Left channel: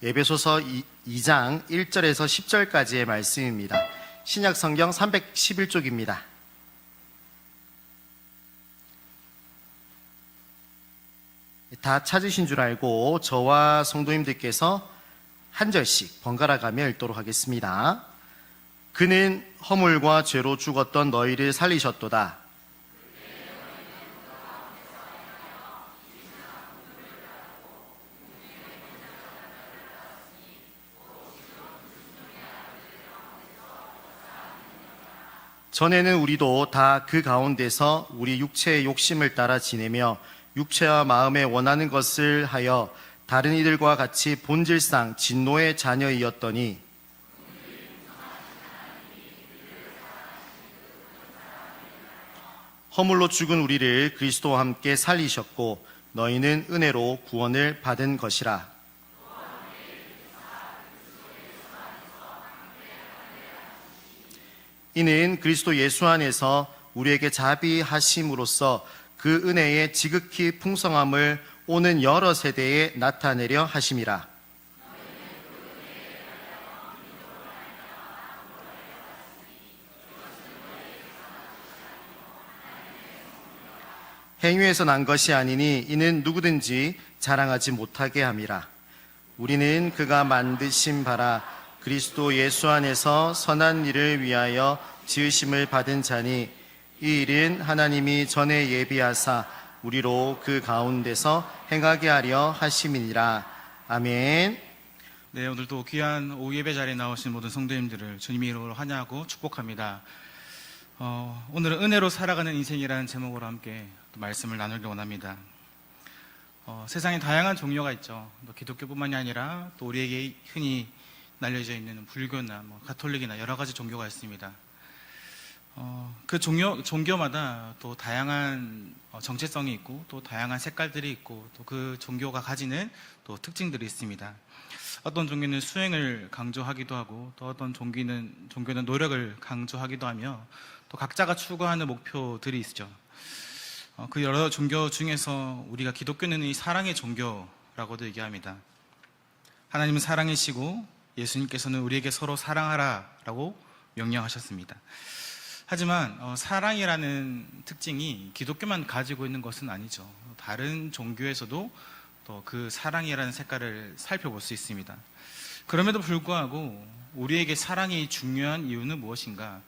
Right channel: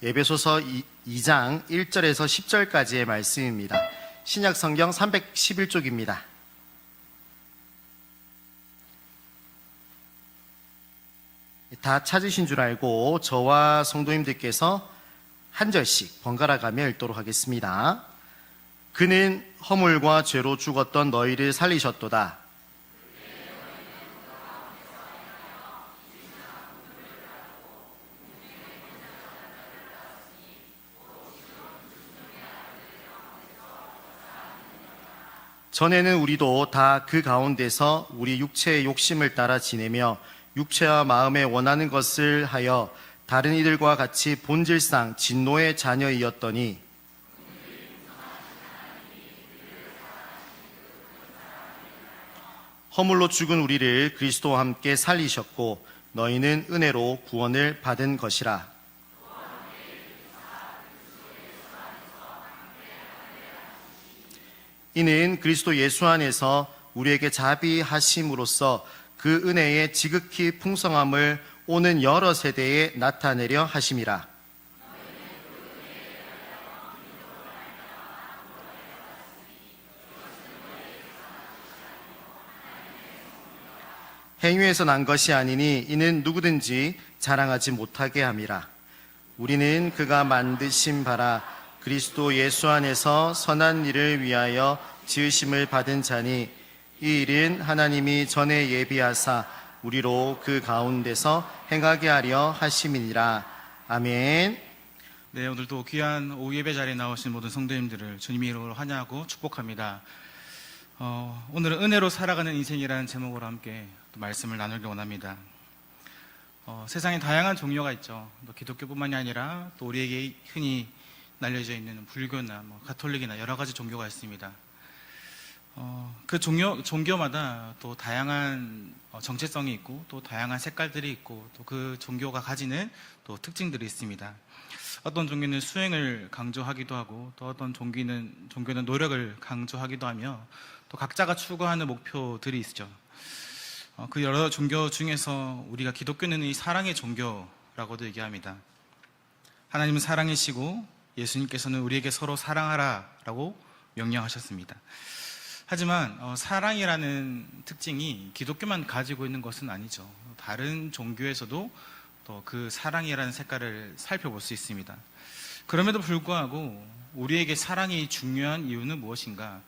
에베소서 2장 1절에서 10절까지의 말씀입니다. 신약 성경 311쪽입니다. 다 찾으신 줄 알고 저와 성도님들께서 한 절씩 번갈아 가며 읽도록 하겠습니다. 그는 허물과 죄로 죽었던 너희를 살리셨도다. 전에는 우리도 다 그 가운데서 우리 육체의 욕심을 따라 지내며 육체와 마음에 원하는 것을 하여 다른 이들과 같이 본질상 진노의 자녀이었더니 허물로 죽은 우리를 그리스도와 함께 살리셨고 너희는 은혜로 구원을 받은 것이라. 이는 그리스도 예수 안에서 우리에게 자비하심으로써 그 은혜의 지극히 풍성함을 오는 여러 세대에 나타내려 하심이라. 행위에서 난 것이 아니니 이는 누구든지 자랑하지 못하게 함이라. 우리는 그가 만드신 바라 그리스도 예수 안에서 선한 일을 위하여 지으심을 받은 자니 이 일은 하나님이 전에 예비하사 우리로 그 가운데서 행하게 하려 하심이니라. 아멘. 네, 오늘도 귀한 오후 예배 자리에 나오신 모든 성도님들을 주님의 이름으로 환영하고 축복합니다. 오늘은 은혜로 살아가는 인생이라는 제목으로 함께 말씀을 나누기 원합니다. 세상에 다양한 종교가 있죠. 기독교뿐만이 아니라 또 우리에게 흔히 날려져 있는 불교나 가톨릭이나 여러 가지 종교가 있습니다. 그 종교마다 또 다양한 정체성이 있고 또 다양한 색깔들이 있고 또 그 종교가 가지는 또 특징들이 있습니다. 어떤 종교는 수행을 강조하기도 하고 또 어떤 종교는 노력을 강조하기도 하며 또 각자가 추구하는 목표들이 있죠. 그 여러 종교 중에서 우리가 기독교는 이 사랑의 종교라고도 얘기합니다. 하나님은 사랑이시고 예수님께서는 우리에게 서로 사랑하라라고 명령하셨습니다. 하지만 사랑이라는 특징이 기독교만 가지고 있는 것은 아니죠. 다른 종교에서도 또 그 사랑이라는 색깔을 살펴볼 수 있습니다. 그럼에도 불구하고 우리에게 사랑이 중요한 이유는 무엇인가?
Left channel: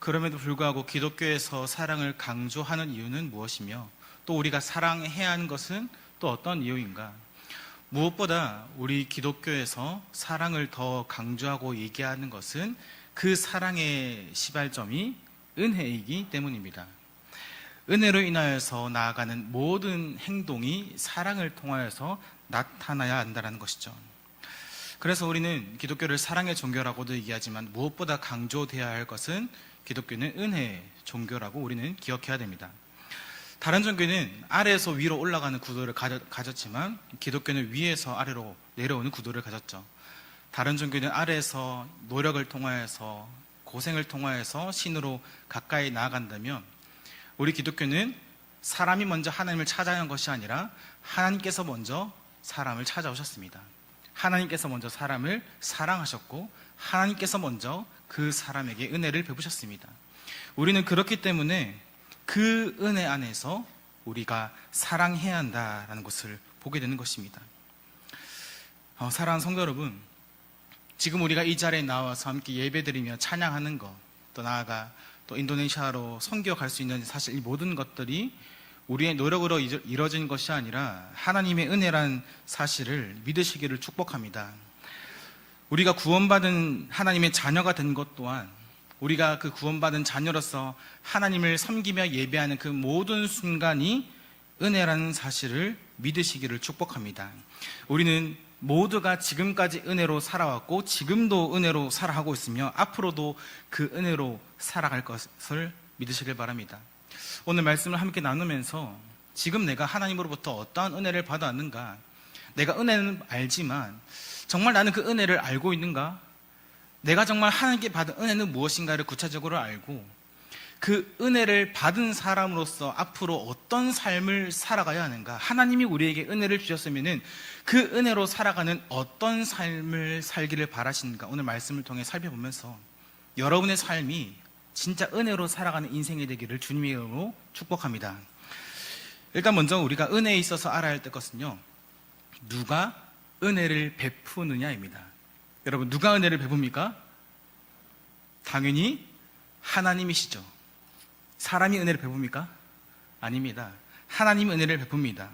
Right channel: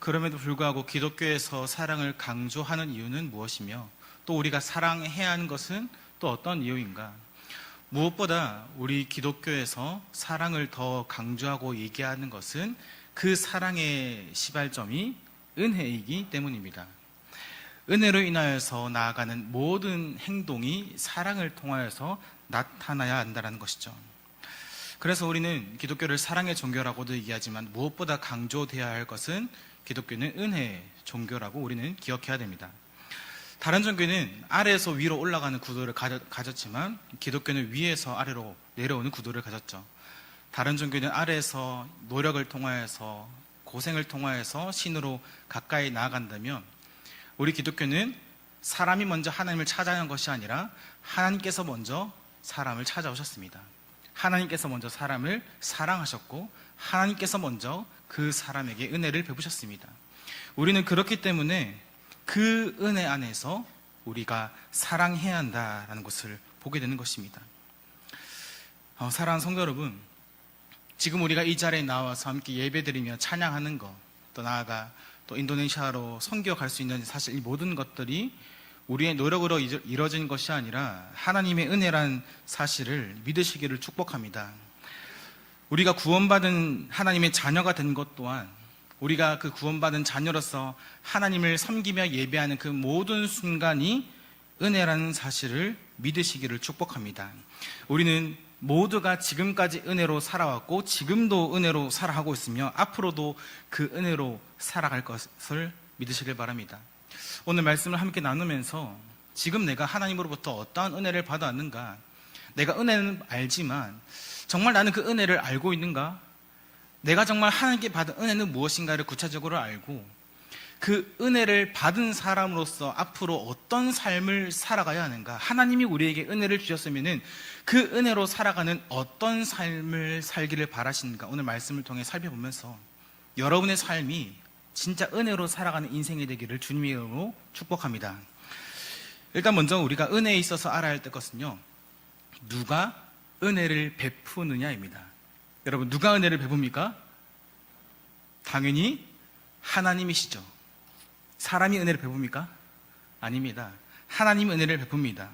그럼에도 불구하고 기독교에서 사랑을 강조하는 이유는 무엇이며 또 우리가 사랑해야 하는 것은 또 어떤 이유인가? 무엇보다 우리 기독교에서 사랑을 더 강조하고 얘기하는 것은 그 사랑의 시발점이 은혜이기 때문입니다. 은혜로 인하여서 나아가는 모든 행동이 사랑을 통하여서 나타나야 한다는 것이죠. 그래서 우리는 기독교를 사랑의 종교라고도 얘기하지만 무엇보다 강조되어야 할 것은 기독교는 은혜의 종교라고 우리는 기억해야 됩니다. 다른 종교는 아래에서 위로 올라가는 구도를 가졌지만 기독교는 위에서 아래로 내려오는 구도를 가졌죠. 다른 종교는 아래에서 노력을 통하여서 고생을 통하여서 신으로 가까이 나아간다면 우리 기독교는 사람이 먼저 하나님을 찾아간 것이 아니라 하나님께서 먼저 사람을 찾아오셨습니다. 하나님께서 먼저 사람을 사랑하셨고 하나님께서 먼저 그 사람에게 은혜를 베푸셨습니다. 우리는 그렇기 때문에 그 은혜 안에서 우리가 사랑해야 한다는 것을 보게 되는 것입니다. 사랑하는 성도 여러분, 지금 우리가 이 자리에 나와서 함께 예배드리며 찬양하는 것, 또 나아가 또 인도네시아로 선교 갈 수 있는 사실 이 모든 것들이 우리의 노력으로 이루어진 것이 아니라 하나님의 은혜란 사실을 믿으시기를 축복합니다. 우리가 구원받은 하나님의 자녀가 된 것 또한 우리가 그 구원받은 자녀로서 하나님을 섬기며 예배하는 그 모든 순간이 은혜라는 사실을 믿으시기를 축복합니다. 우리는 모두가 지금까지 은혜로 살아왔고 지금도 은혜로 살아가고 있으며 앞으로도 그 은혜로 살아갈 것을 믿으시길 바랍니다. 오늘 말씀을 함께 나누면서 지금 내가 하나님으로부터 어떠한 은혜를 받았는가? 내가 은혜는 알지만 정말 나는 그 은혜를 알고 있는가? 내가 정말 하나님께 받은 은혜는 무엇인가를 구체적으로 알고 그 은혜를 받은 사람으로서 앞으로 어떤 삶을 살아가야 하는가? 하나님이 우리에게 은혜를 주셨으면은 그 은혜로 살아가는 어떤 삶을 살기를 바라시는가? 오늘 말씀을 통해 살펴보면서 여러분의 삶이 진짜 은혜로 살아가는 인생이 되기를 주님의 이름으로 축복합니다. 일단 먼저 우리가 은혜에 있어서 알아야 할 것은요, 누가 은혜를 베푸느냐입니다. 여러분, 누가 은혜를 베풉니까? 당연히 하나님이시죠. 사람이 은혜를 베풉니까? 아닙니다. 하나님이 은혜를 베풉니다.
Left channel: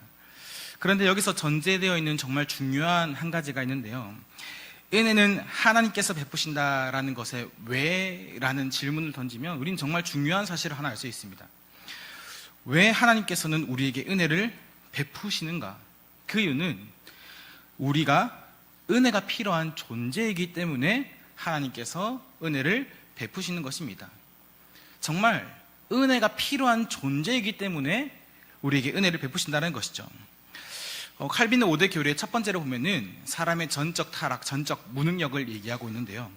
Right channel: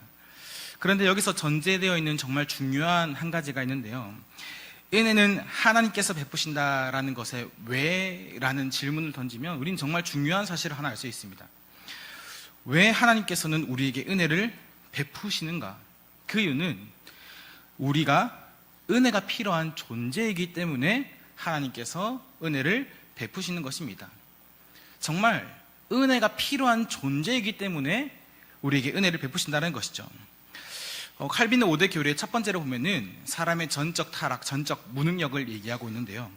그런데 여기서 전제되어 있는 정말 중요한 한 가지가 있는데요. 은혜는 하나님께서 베푸신다라는 것에 왜? 라는 질문을 던지면 우리는 정말 중요한 사실을 하나 알 수 있습니다. 왜 하나님께서는 우리에게 은혜를 베푸시는가? 그 이유는 우리가 은혜가 필요한 존재이기 때문에 하나님께서 은혜를 베푸시는 것입니다. 정말 은혜가 필요한 존재이기 때문에 우리에게 은혜를 베푸신다는 것이죠. 칼빈의 5대 교리의 첫 번째로 보면은 사람의 전적 타락, 전적 무능력을 얘기하고 있는데요.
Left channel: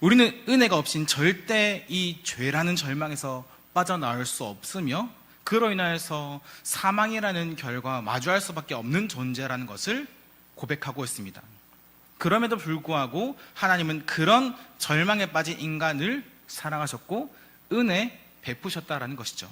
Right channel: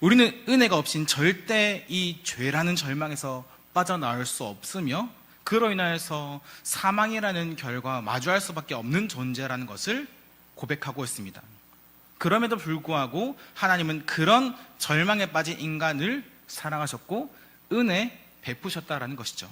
우리는 은혜가 없인 절대 이 죄라는 절망에서 빠져나올 수 없으며 그로 인하여서 사망이라는 결과와 마주할 수밖에 없는 존재라는 것을 고백하고 있습니다. 그럼에도 불구하고 하나님은 그런 절망에 빠진 인간을 사랑하셨고 은혜 베푸셨다라는 것이죠.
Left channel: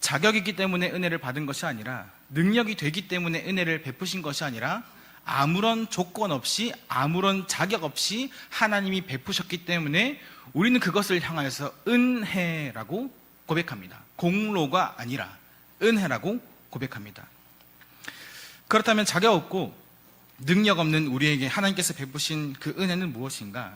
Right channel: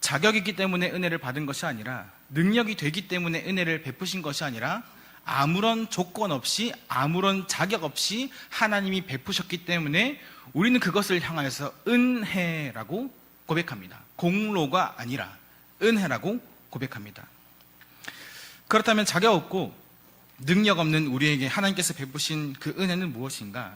자격이 있기 때문에 은혜를 받은 것이 아니라, 능력이 되기 때문에 은혜를 베푸신 것이 아니라, 아무런 조건 없이 아무런 자격 없이 하나님이 베푸셨기 때문에 우리는 그것을 향하여서 은혜라고 고백합니다. 공로가 아니라 은혜라고 고백합니다. 그렇다면 자격 없고 능력 없는 우리에게 하나님께서 베푸신 그 은혜는 무엇인가?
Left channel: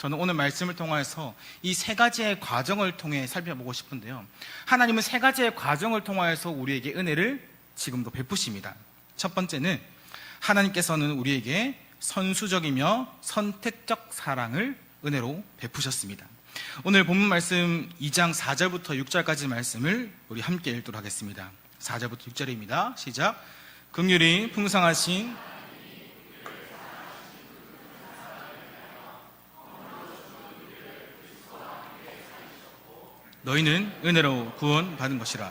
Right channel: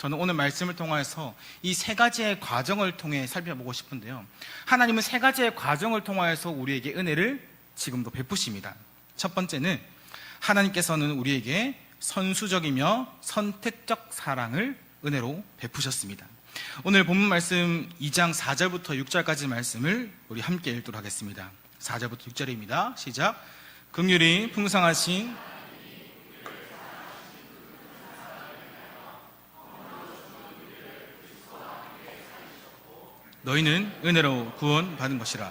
저는 오늘 말씀을 통해서 이 세 가지의 과정을 통해 살펴보고 싶은데요. 하나님은 세 가지의 과정을 통해서 우리에게 은혜를 지금도 베푸십니다. 첫 번째는 하나님께서는 우리에게 선수적이며 선택적 사랑을 은혜로 베푸셨습니다. 오늘 본문 말씀 2장 4절부터 6절까지 말씀을 우리 함께 읽도록 하겠습니다. 4절부터 6절입니다. 시작. 긍휼이 풍성하신 너희는 은혜로 구원받은 것이라.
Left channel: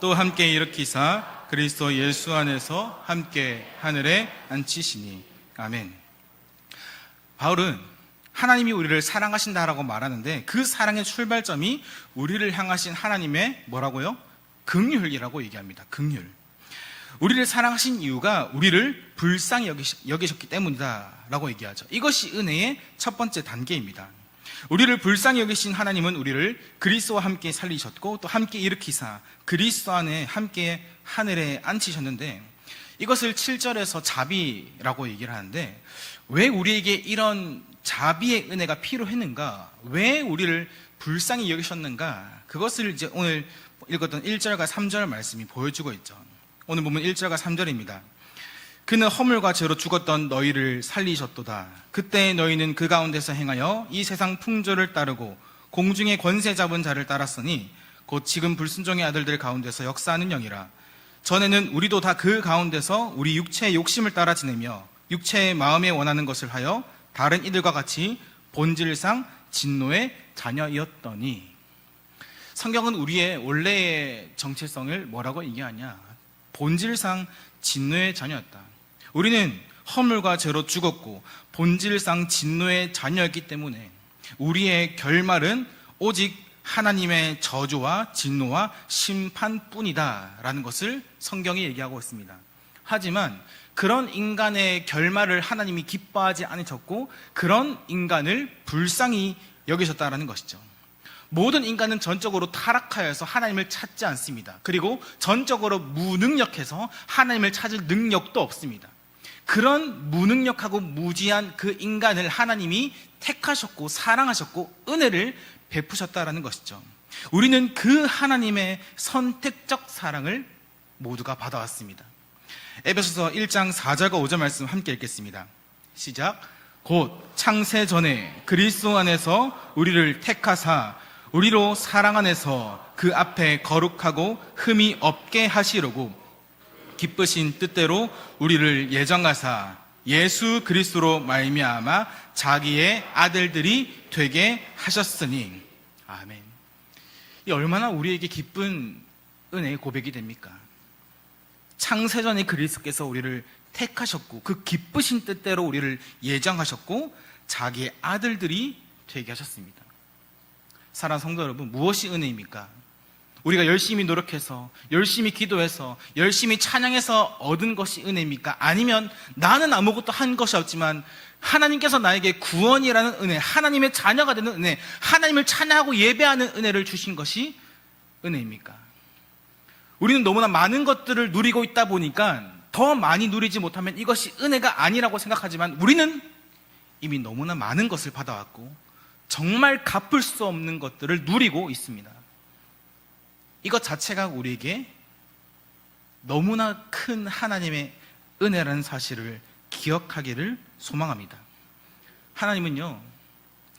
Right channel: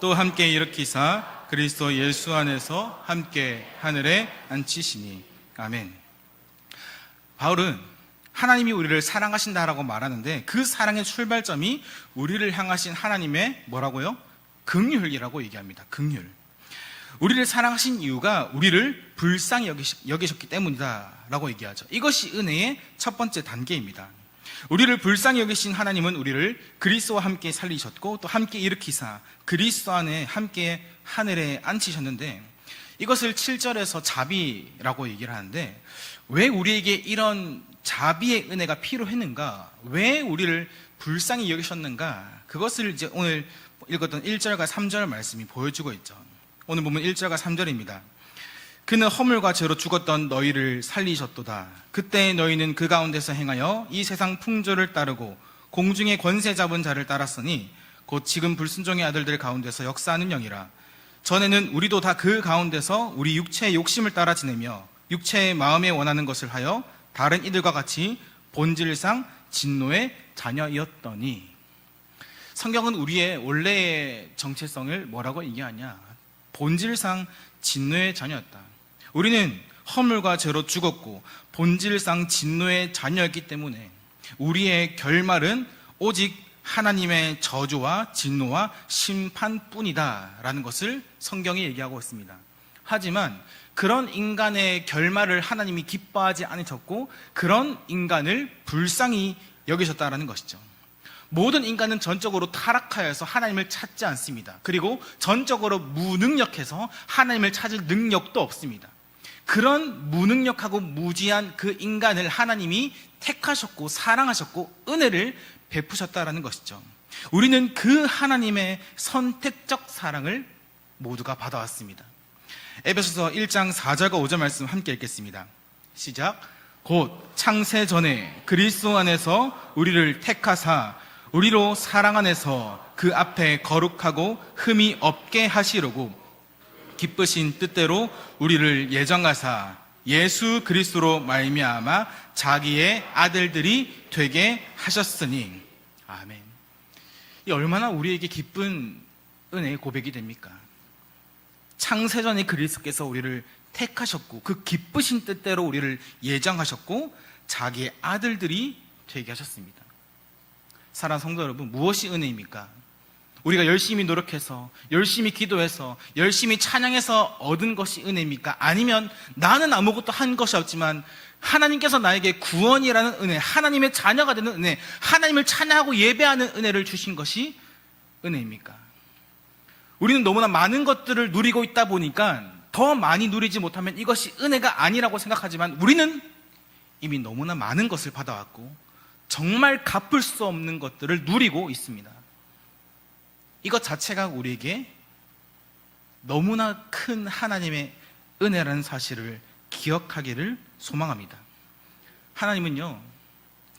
또 함께 일으키사 그리스도 예수 안에서 함께 하늘에 앉히시니. 아멘. 바울은 하나님이 우리를 사랑하신다라고 말하는데 그 사랑의 출발점이 우리를 향하신 하나님의 뭐라고요? 긍휼이라고 얘기합니다. 긍휼. 우리를 사랑하신 이유가 우리를 불쌍히 여기셨기 때문이다라고 얘기하죠. 이것이 은혜의 첫 번째 단계입니다. 우리를 불쌍히 여기신 하나님은 우리를 그리스도와 함께 살리셨고 또 함께 일으키사 그리스도 안에 함께 하늘에 앉히셨는데, 이것을 7절에서 자비라고 얘기를 하는데, 왜 우리에게 이런 자비의 은혜가 필요했는가? 왜 우리를 불쌍히 여기셨는가? 그것을 이제 오늘 읽었던 1절과 3절 말씀이 보여주고 있죠. 오늘 보면 1절과 3절입니다. 그는 허물과 죄로 죽었던 너희를 살리셨도다. 그때 너희는 그 가운데서 행하여 이 세상 풍조를 따르고 공중의 권세 잡은 자를 따랐으니 곧 지금 불순종의 아들들 가운데서 역사하는 영이라. 전에는 우리도 다 그 가운데서 우리 육체의 욕심을 따라 지내며 육체의 마음에 원하는 것을 하여 다른 이들과 같이 본질상 진노의 자녀이었더니. 성경은 우리의 원래의 정체성을 뭐라고 얘기하냐? 본질상 진노의 자녀였다. 우리는 허물과 죄로 죽었고 본질상 진노의 자녀였기 때문에 우리의 결말은 오직 하나님의 저주와 진노와 심판뿐이다 라는 것을 성경이 얘기하고 있습니다. 하지만 그런 인간의 결말을 하나님이 기뻐하지 않으셨고 그런 인간을 불쌍히 여기셨다라는 것이죠. 모든 인간은 전적으로 타락하여서 하나님을 찾지 않습니다. 그리고 전적으로 무능력해서 하나님을 찾을 능력도 없습니다. 그런 무능력하고 무지한 그 인간을 하나님이 택하셨고 사랑하셨고 은혜를 베푸셨다라는 것이죠. 우리는 그 하나님의 선택적 사랑을 모두가 받아왔습니다. 에베소서 1장 4절과 5절 말씀 함께 읽겠습니다. 시작. 곧 창세 전에 그리스도 안에서 우리를 택하사 우리로 사랑 안에서 그 앞에 거룩하고 흠이 없게 하시려고 기쁘신 뜻대로 우리를 예정하사 예수 그리스도로 말미암아 자기의 아들들이 되게 하셨으니. 아멘. 이 얼마나 우리에게 기쁜 은혜의 고백이 됩니까? 창세전에 그리스도께서 우리를 택하셨고 그 기쁘신 뜻대로 우리를 예정하셨고 자기의 아들들이 되게 하셨습니다. 사랑하는 성도 여러분, 무엇이 은혜입니까? 우리가 열심히 노력해서, 열심히 기도해서, 열심히 찬양해서 얻은 것이 은혜입니까? 아니면 나는 아무것도 한 것이 없지만 하나님께서 나에게 구원이라는 은혜, 하나님의 자녀가 되는 은혜, 하나님을 찬양하고 예배하는 은혜를 주신 것이 은혜입니까? 우리는 너무나 많은 것들을 누리고 있다 보니까 더 많이 누리지 못하면 이것이 은혜가 아니라고 생각하지만 우리는 이미 너무나 많은 것을 받아왔고 정말 갚을 수 없는 것들을 누리고 있습니다. 이것 자체가 우리에게 너무나 큰 하나님의 은혜라는 사실을 기억하기를 소망합니다. 하나님은요,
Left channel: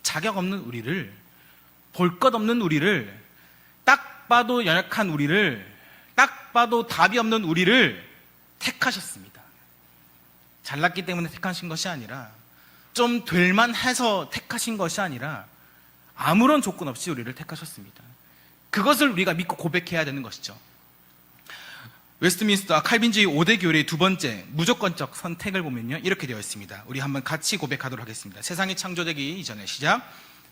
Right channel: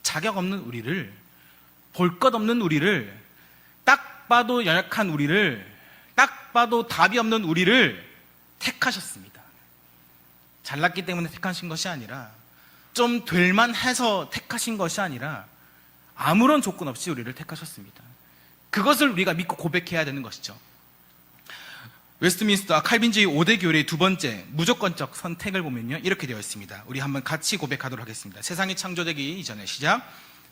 자격 없는 우리를, 볼 것 없는 우리를, 딱 봐도 연약한 우리를, 딱 봐도 답이 없는 우리를 택하셨습니다. 잘났기 때문에 택하신 것이 아니라, 좀 될만 해서 택하신 것이 아니라, 아무런 조건 없이 우리를 택하셨습니다. 그것을 우리가 믿고 고백해야 되는 것이죠. 웨스트민스터 칼빈주의 5대 교리의 두 번째 무조건적 선택을 보면요, 이렇게 되어 있습니다. 우리 한번 같이 고백하도록 하겠습니다. 세상이 창조되기 이전에, 시작.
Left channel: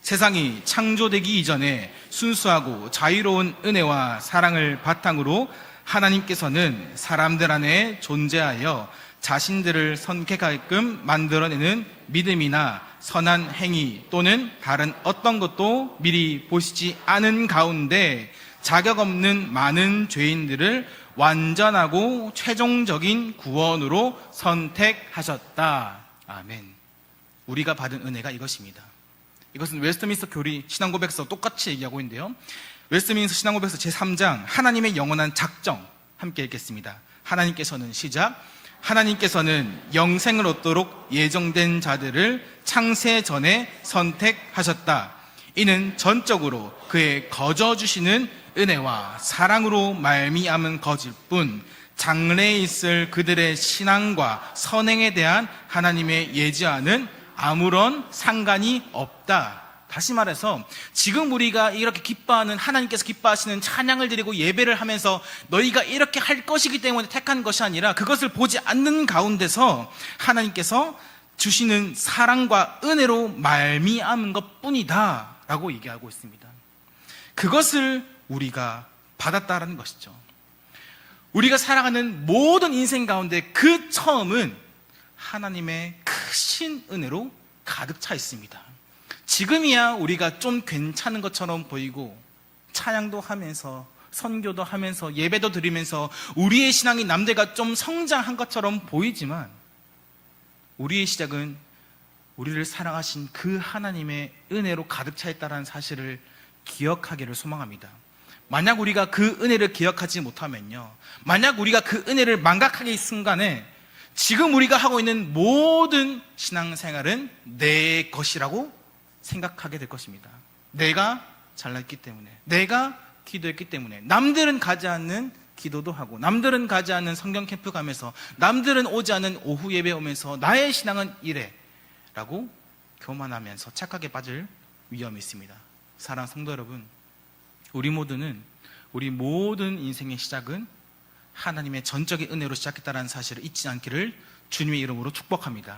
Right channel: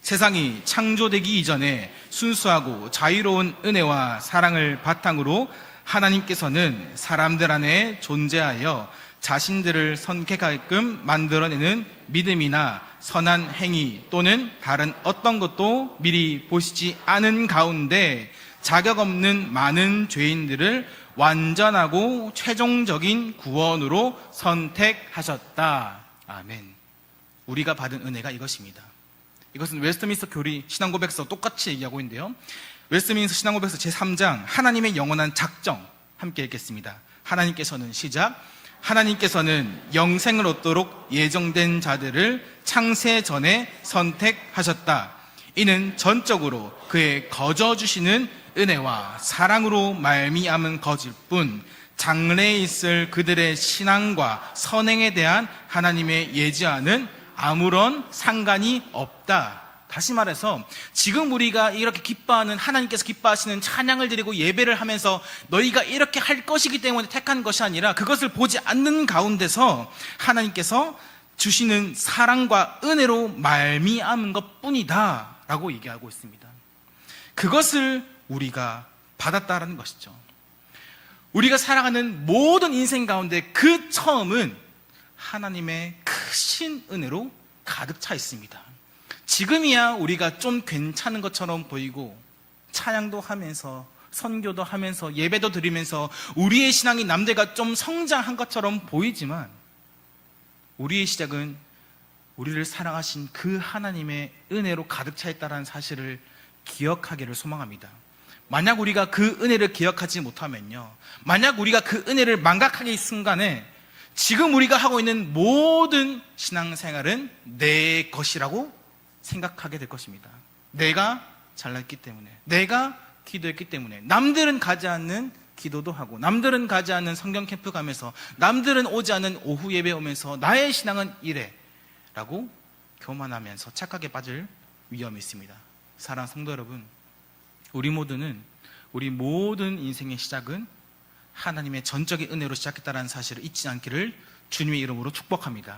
세상이 창조되기 이전에 순수하고 자유로운 은혜와 사랑을 바탕으로 하나님께서는 사람들 안에 존재하여 자신들을 선택하게끔 만들어내는 믿음이나 선한 행위 또는 다른 어떤 것도 미리 보시지 않은 가운데 자격 없는 많은 죄인들을 완전하고 최종적인 구원으로 선택하셨다. 아멘. 우리가 받은 은혜가 이것입니다. 이것은 웨스트민스터 교리 신앙고백서 똑같이 얘기하고 있는데요. 웨스트민스터 신앙고백서 제3장 하나님의 영원한 작정 함께 읽겠습니다. 하나님께서는, 시작. 하나님께서는 영생을 얻도록 예정된 자들을 창세 전에 선택하셨다. 이는 전적으로 그의 거저 주시는 은혜와 사랑으로 말미암은 것일 뿐 장래에 있을 그들의 신앙과 선행에 대한 하나님의 예지와는 아무런 상관이 없다. 다시 말해서 지금 우리가 이렇게 기뻐하는, 하나님께서 기뻐하시는 찬양을 드리고 예배를 하면서 너희가 이렇게 할 것이기 때문에 택한 것이 아니라 그것을 보지 않는 가운데서 하나님께서 주시는 사랑과 은혜로 말미암은 것뿐이다 라고 얘기하고 있습니다. 그것을 우리가 받았다라는 것이죠. 우리가 살아가는 모든 인생 가운데 그 처음은 하나님의 크신 은혜로 가득 차 있습니다. 지금이야 우리가 좀 괜찮은 것처럼 보이고 찬양도 하면서 선교도 하면서 예배도 드리면서 우리의 신앙이 남들과 좀 성장한 것처럼 보이지만 우리의 시작은 우리를 사랑하신 그 하나님의 은혜로 가득 차 있다는 사실을 기억하기를 소망합니다. 만약 우리가 그 은혜를 기억하지 못하면요, 만약 우리가 그 은혜를 망각하기 순간에 지금 우리가 하고 있는 모든 신앙생활은 내 것이라고 생각하게 될 것입니다. 내가 잘났기 때문에, 내가 기도했기 때문에, 남들은 가지 않는 기도도 하고, 남들은 가지 않는 성경 캠프 가면서, 남들은 오지 않은 오후 예배 오면서 나의 신앙은 이래 라고 교만하면서 착각에 빠질 위험이 있습니다. 사랑하는 성도 여러분, 우리 모든 인생의 시작은 하나님의 전적인 은혜로 시작했다는 사실을 잊지 않기를 주님의 이름으로 축복합니다.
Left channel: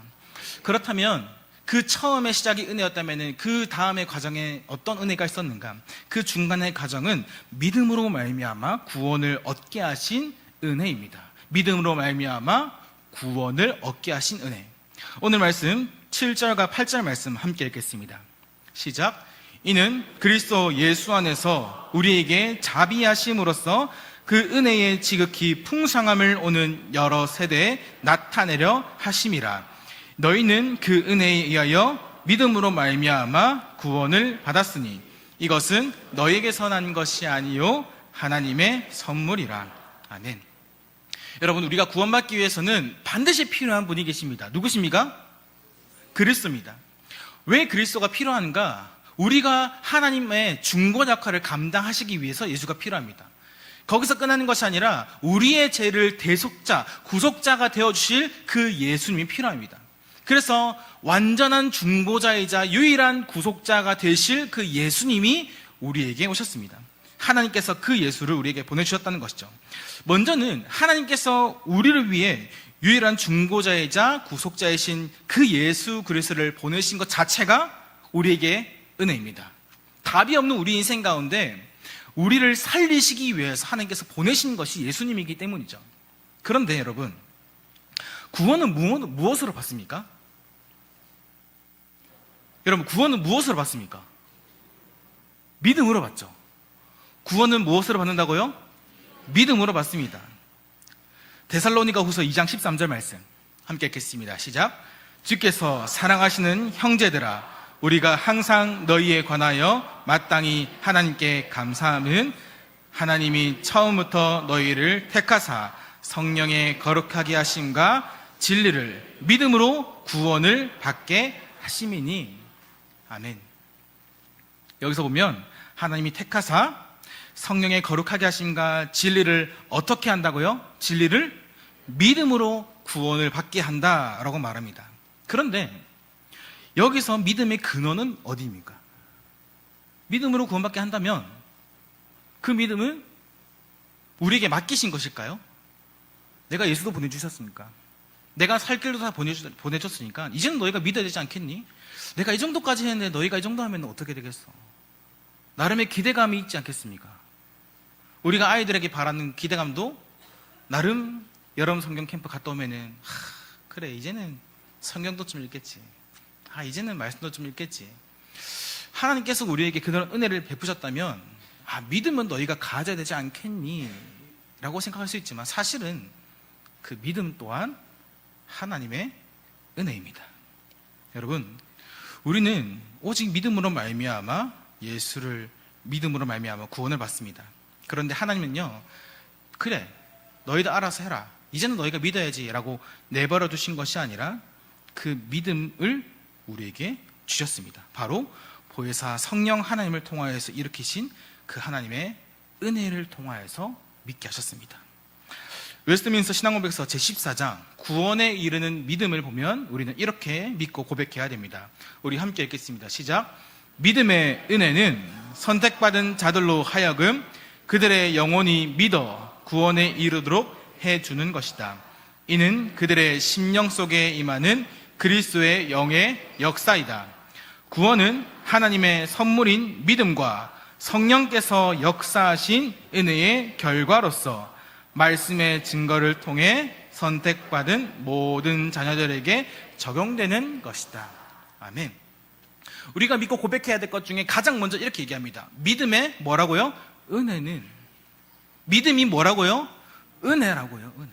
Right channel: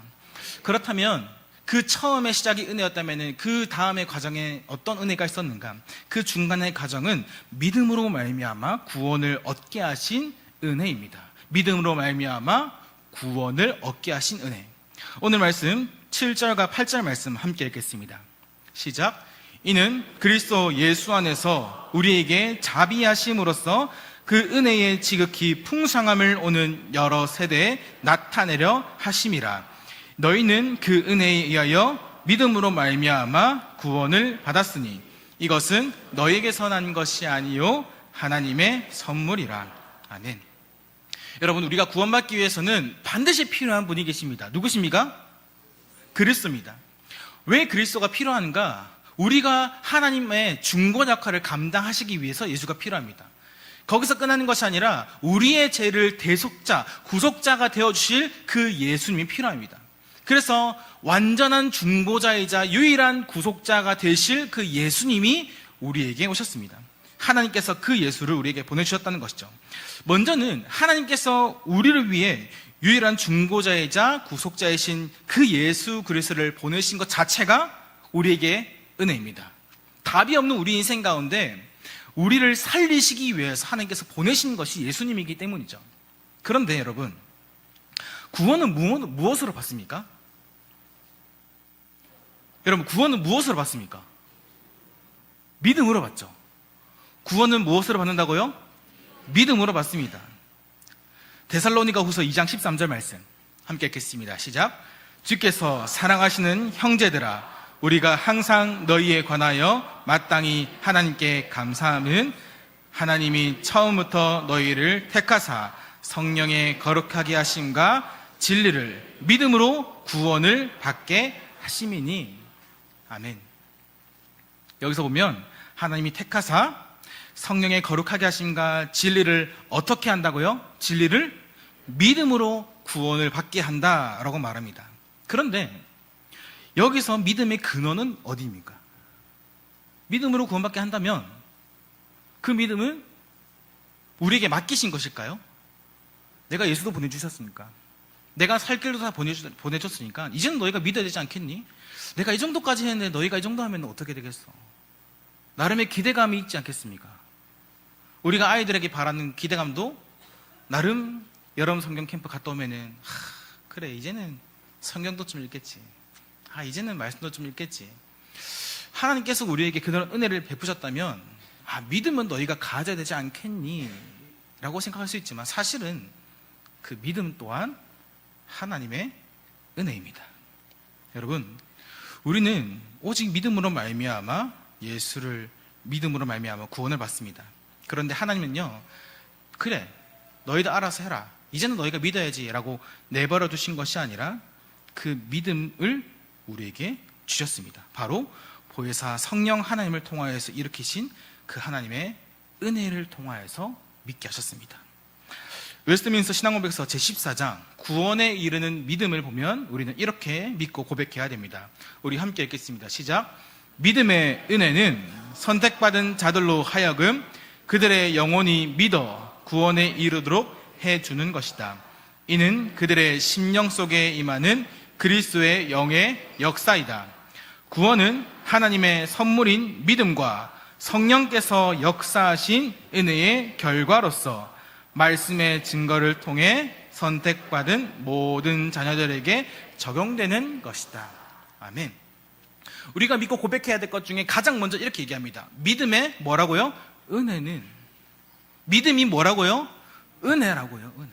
그렇다면 그 처음의 시작이 은혜였다면 그 다음의 과정에 어떤 은혜가 있었는가? 그 중간의 과정은 믿음으로 말미암아 구원을 얻게 하신 은혜입니다. 믿음으로 말미암아 구원을 얻게 하신 은혜. 오늘 말씀 7절과 8절 말씀 함께 읽겠습니다. 시작. 이는 그리스도 예수 안에서 우리에게 자비하심으로써 그 은혜의 지극히 풍성함을 오는 여러 세대에 나타내려 하심이라. 너희는 그 은혜에 의하여 믿음으로 말미암아 구원을 받았으니 이것은 너희에게서 난 것이 아니요 하나님의 선물이라. 아멘. 여러분, 우리가 구원받기 위해서는 반드시 필요한 분이 계십니다. 누구십니까? 그리스도입니다. 왜 그리스도가 필요한가? 우리가 하나님의 중보 역할을 감당하시기 위해서 예수가 필요합니다. 거기서 끝나는 것이 아니라 우리의 죄를 대속자, 구속자가 되어주실 그 예수님이 필요합니다. 그래서 완전한 중보자이자 유일한 구속자가 되실 그 예수님이 우리에게 오셨습니다. 하나님께서 그 예수를 우리에게 보내주셨다는 것이죠. 먼저는 하나님께서 우리를 위해 유일한 중보자이자 구속자이신 그 예수 그리스도를 보내신 것 자체가 우리에게 은혜입니다. 답이 없는 우리 인생 가운데 우리를 살리시기 위해서 하나님께서 보내신 것이 예수님이기 때문이죠. 그런데 여러분, 구원은 무엇으로 받습니까? 여러분, 구원은 무엇으로 받습니까? 믿음으로 받죠. 구원은 무엇으로 받는다고요? 믿음으로 받습니다. 데살로니가 후서 2장 13절 말씀 함께 읽겠습니다. 시작. 주께서 사랑하시는 형제들아, 우리가 항상 너희에 관하여 마땅히 하나님께 감사함은 하나님이 처음부터 너희를 택하사 성령의 거룩하게 하심과 진리를 믿음으로 구원을 받게 하심이니. 아멘. 여기서 보면 하나님이 택하사 성령의 거룩하게 하심과 진리를 어떻게 한다고요? 진리를 믿음으로 구원을 받게 한다라고 말합니다. 그런데 여기서 믿음의 근원은 어디입니까? 믿음으로 구원받게 한다면 그 믿음은 우리에게 맡기신 것일까요? 내가 예수도 보내주셨으니까, 내가 살 길도 다 보내줬으니까 이제는 너희가 믿어야 되지 않겠니? 내가 이 정도까지 했는데 너희가 이 정도 하면 어떻게 되겠어? 나름의 기대감이 있지 않겠습니까? 우리가 아이들에게 바라는 기대감도 나름 여름 성경 캠프 갔다 오면은 그래 이제는 성경도 좀 읽겠지, 이제는 말씀도 좀 읽겠지. 하나님께서 우리에게 그런 은혜를 베푸셨다면 믿음은 너희가 가져야 되지 않겠니? 라고 생각할 수 있지만 사실은 그 믿음 또한 하나님의 은혜입니다. 여러분, 우리는 오직 믿음으로 말미암아 예수를 믿음으로 말미암아 구원을 받습니다. 그런데 하나님은요, 그래 너희도 알아서 해라, 이제는 너희가 믿어야지 라고 내버려 두신 것이 아니라 그 믿음을 우리에게 주셨습니다. 바로 보혜사 성령 하나님을 통하여서 일으키신 그 하나님의 은혜를 통하여서 믿게 하셨습니다. 웨스트민스터 신앙고백서 제14장 구원에 이르는 믿음을 보면 우리는 이렇게 믿고 고백해야 됩니다. 우리 함께 읽겠습니다. 시작. 믿음의 은혜는 선택받은 자들로 하여금 그들의 영혼이 믿어 구원에 이르도록 해주는 것이다. 이는 그들의 심령 속에 임하는 그리스도의 영의 역사이다. 구원은 하나님의 선물인 믿음과 성령께서 역사하신 은혜의 결과로서 말씀의 증거를 통해 선택받은 모든 자녀들에게 적용되는 것이다. 아멘. 우리가 믿고 고백해야 될 것 중에 가장 먼저 이렇게 얘기합니다. 믿음의 뭐라고요? 은혜는. 믿음이 뭐라고요? 은혜라고요. 은혜.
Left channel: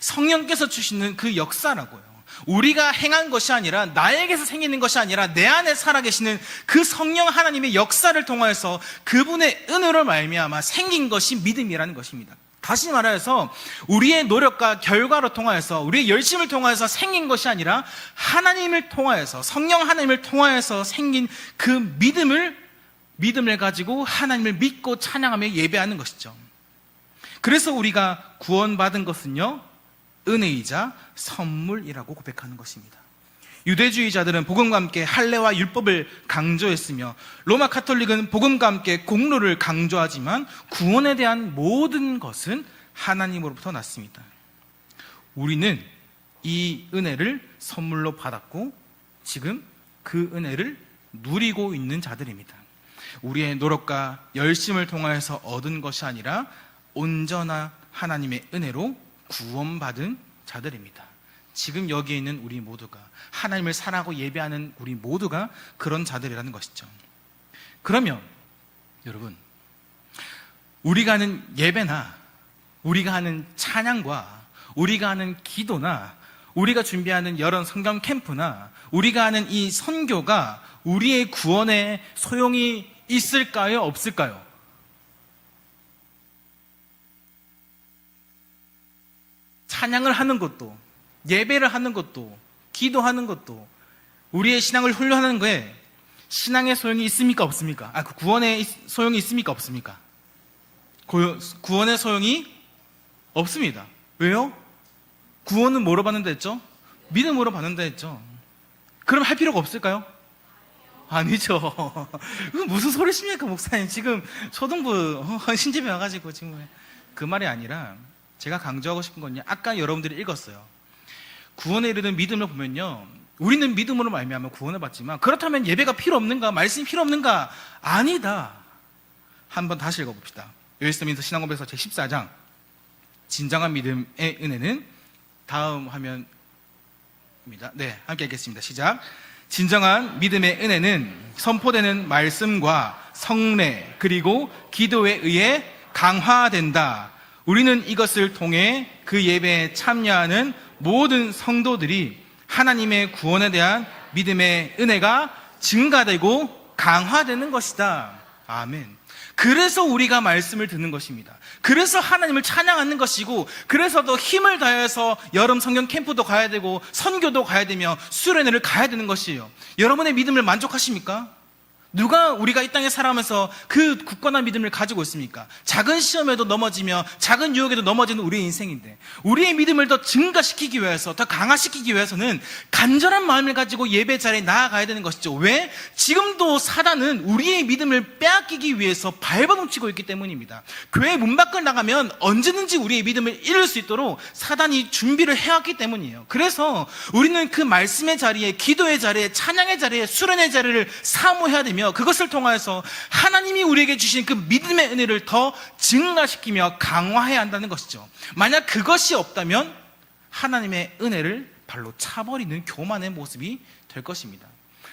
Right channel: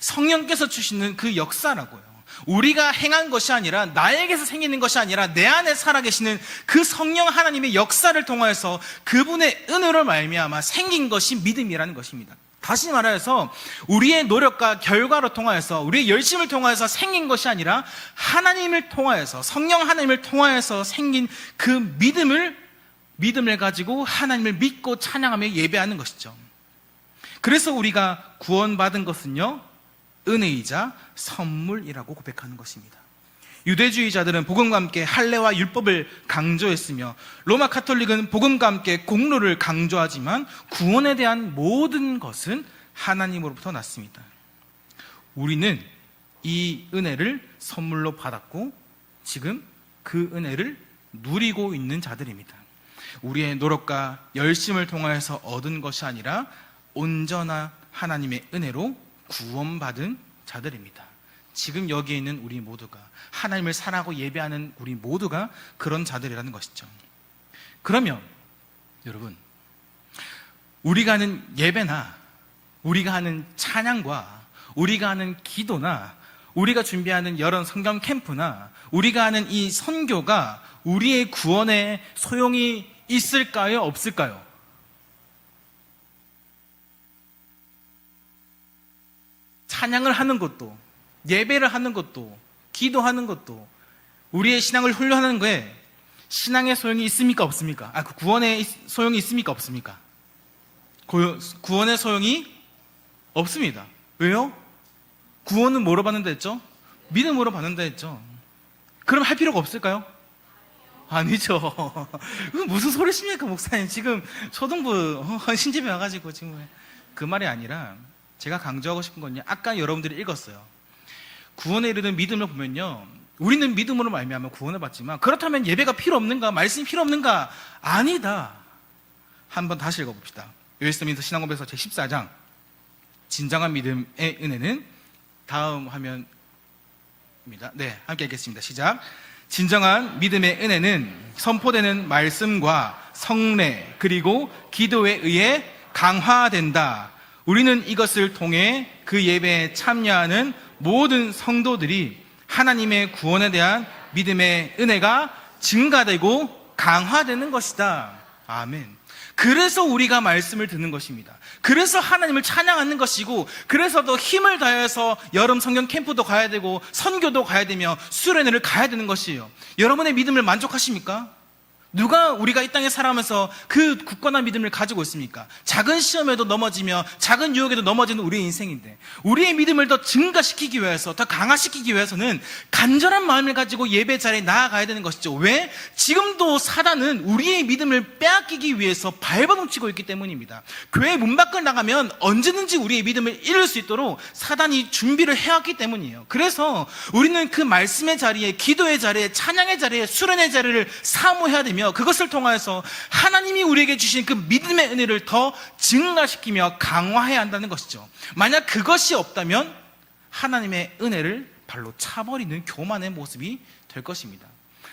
성령께서 주시는 그 역사라고요. 우리가 행한 것이 아니라, 나에게서 생기는 것이 아니라 내 안에 살아계시는 그 성령 하나님의 역사를 통하여서 그분의 은혜로 말미암아 생긴 것이 믿음이라는 것입니다. 다시 말하여서 우리의 노력과 결과로 통하여서, 우리의 열심을 통하여서 생긴 것이 아니라 하나님을 통하여서, 성령 하나님을 통하여서 생긴 그 믿음을 가지고 하나님을 믿고 찬양하며 예배하는 것이죠. 그래서 우리가 구원받은 것은요, 은혜이자 선물이라고 고백하는 것입니다. 유대주의자들은 복음과 함께 할례와 율법을 강조했으며 로마 카톨릭은 복음과 함께 공로를 강조하지만 구원에 대한 모든 것은 하나님으로부터 났습니다. 우리는 이 은혜를 선물로 받았고 지금 그 은혜를 누리고 있는 자들입니다. 우리의 노력과 열심을 통하여서 얻은 것이 아니라 온전한 하나님의 은혜로 구원받은 자들입니다. 지금 여기에 있는 우리 모두가, 하나님을 사랑하고 예배하는 우리 모두가 그런 자들이라는 것이죠. 그러면 여러분, 우리가 하는 예배나 우리가 하는 찬양과 우리가 하는 기도나 우리가 준비하는 여러 성경 캠프나 우리가 하는 이 선교가 우리의 구원에 소용이 있을까요? 없을까요? 찬양을 하는 것도, 예배를 하는 것도, 기도하는 것도, 우리의 신앙을 훈련하는 거에 신앙의 소용이 있습니까? 없습니까? 그 구원의 소용이 있습니까? 없습니까? 구원의 소용이 없습니다. 왜요? 구원은 뭐로 받는다 했죠? 믿음으로 받는다 했죠. 그럼 할 필요가 없을까요? 아니죠. 이거 무슨 소리십니까, 목사님? 지금 초등부 신집에 와가지고 지금 그 말이 아니라 제가 강조하고 싶은 건요. 아까 여러분들이 읽었어요. 구원에 이르는 믿음을 보면요. 우리는 믿음으로 말미암아 구원을 받지만 그렇다면 예배가 필요 없는가? 말씀이 필요 없는가? 아니다. 한번 다시 읽어봅시다. 웨스트민스터 신앙고백서 제14장 진정한 믿음의 은혜는 다음 화면입니다. 네, 함께 읽겠습니다. 시작. 진정한 믿음의 은혜는 선포되는 말씀과 성례 그리고 기도에 의해 강화된다. 우리는 이것을 통해 그 예배에 참여하는 모든 성도들이 하나님의 구원에 대한 믿음의 은혜가 증가되고 강화되는 것이다. 아멘. 그래서 우리가 말씀을 듣는 것입니다. 그래서 하나님을 찬양하는 것이고, 그래서 더 힘을 다해서 여름 성경 캠프도 가야 되고 선교도 가야 되며 수련회를 가야 되는 것이에요. 여러분의 믿음을 만족하십니까? 누가 우리가 이 땅에 살아가면서 그 굳건한 믿음을 가지고 있습니까? 작은 시험에도 넘어지며 작은 유혹에도 넘어지는 우리의 인생인데, 우리의 믿음을 더 증가시키기 위해서, 더 강화시키기 위해서는 간절한 마음을 가지고 예배 자리에 나아가야 되는 것이죠. 왜? 지금도 사단은 우리의 믿음을 빼앗기기 위해서 발버둥치고 있기 때문입니다. 교회 문 밖을 나가면 언제든지 우리의 믿음을 잃을 수 있도록 사단이 준비를 해왔기 때문이에요. 그래서 우리는 그 말씀의 자리에, 기도의 자리에, 찬양의 자리에, 수련의 자리를 사모해야 되며, 그것을 통하여서 하나님이 우리에게 주신 그 믿음의 은혜를 더 증가시키며 강화해야 한다는 것이죠. 만약 그것이 없다면 하나님의 은혜를 발로 차버리는 교만의 모습이 될 것입니다.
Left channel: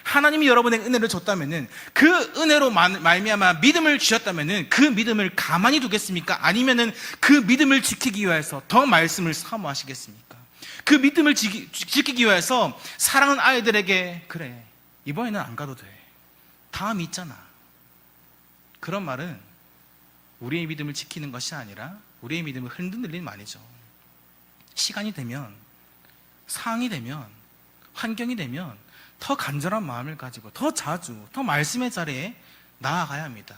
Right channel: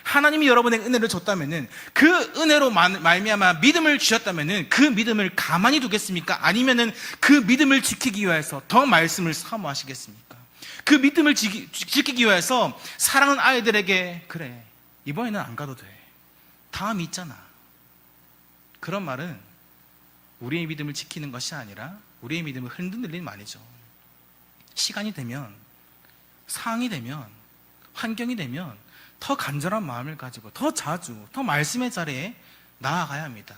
하나님이 여러분의 은혜를 줬다면은, 그 은혜로 말미암아 믿음을 주셨다면은 그 믿음을 가만히 두겠습니까? 아니면은 그 믿음을 지키기 위해서 더 말씀을 사모하시겠습니까? 그 믿음을 지키기 위해서 사랑하는 아이들에게, 그래, 이번에는 안 가도 돼, 다음이 있잖아, 그런 말은 우리의 믿음을 지키는 것이 아니라 우리의 믿음을 흔들리는 말이죠. 시간이 되면, 상황이 되면, 환경이 되면 더 간절한 마음을 가지고 더 자주, 더 말씀의 자리에 나아가야 합니다.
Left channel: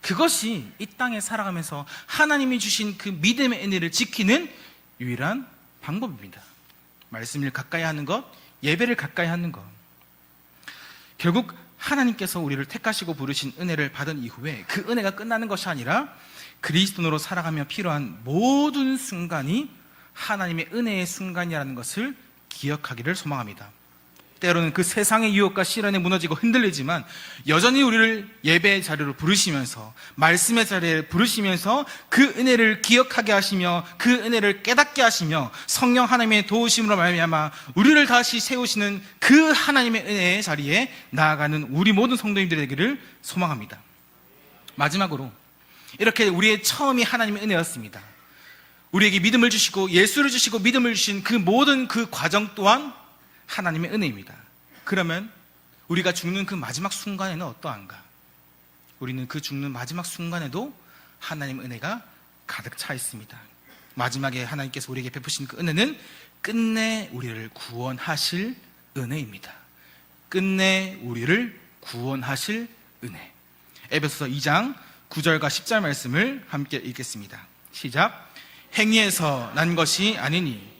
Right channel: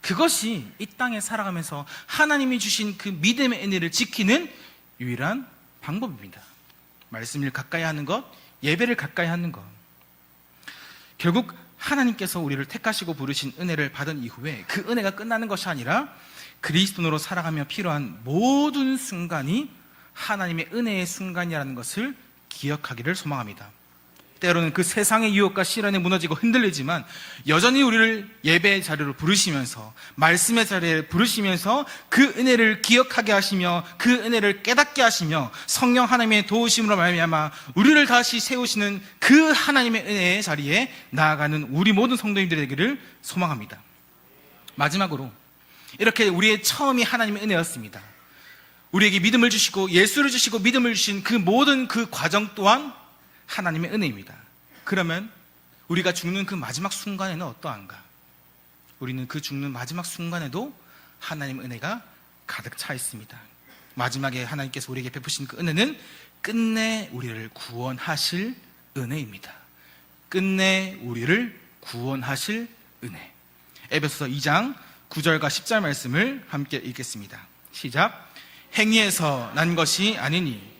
그것이 이 땅에 살아가면서 하나님이 주신 그 믿음의 은혜를 지키는 유일한 방법입니다. 말씀을 가까이 하는 것, 예배를 가까이 하는 것. 결국 하나님께서 우리를 택하시고 부르신 은혜를 받은 이후에 그 은혜가 끝나는 것이 아니라 그리스도인으로 살아가며 필요한 모든 순간이 하나님의 은혜의 순간이라는 것을 기억하기를 소망합니다. 때로는 그 세상의 유혹과 시련에 무너지고 흔들리지만 여전히 우리를 예배의 자리로 부르시면서, 말씀의 자리에 부르시면서 그 은혜를 기억하게 하시며 그 은혜를 깨닫게 하시며 성령 하나님의 도우심으로 말미암아 우리를 다시 세우시는 그 하나님의 은혜의 자리에 나아가는 우리 모든 성도님들이 되기를 소망합니다. 마지막으로, 이렇게 우리의 처음이 하나님의 은혜였습니다. 우리에게 믿음을 주시고 예수를 주시고 믿음을 주신 그 모든 그 과정 또한 하나님의 은혜입니다. 그러면 우리가 죽는 그 마지막 순간에는 어떠한가? 우리는 그 죽는 마지막 순간에도 하나님의 은혜가 가득 차 있습니다. 마지막에 하나님께서 우리에게 베푸신 그 은혜는 끝내 우리를 구원하실 은혜입니다. 끝내 우리를 구원하실 은혜. 에베소서 2장 9절과 10절 말씀을 함께 읽겠습니다. 시작. 행위에서 난 것이 아니니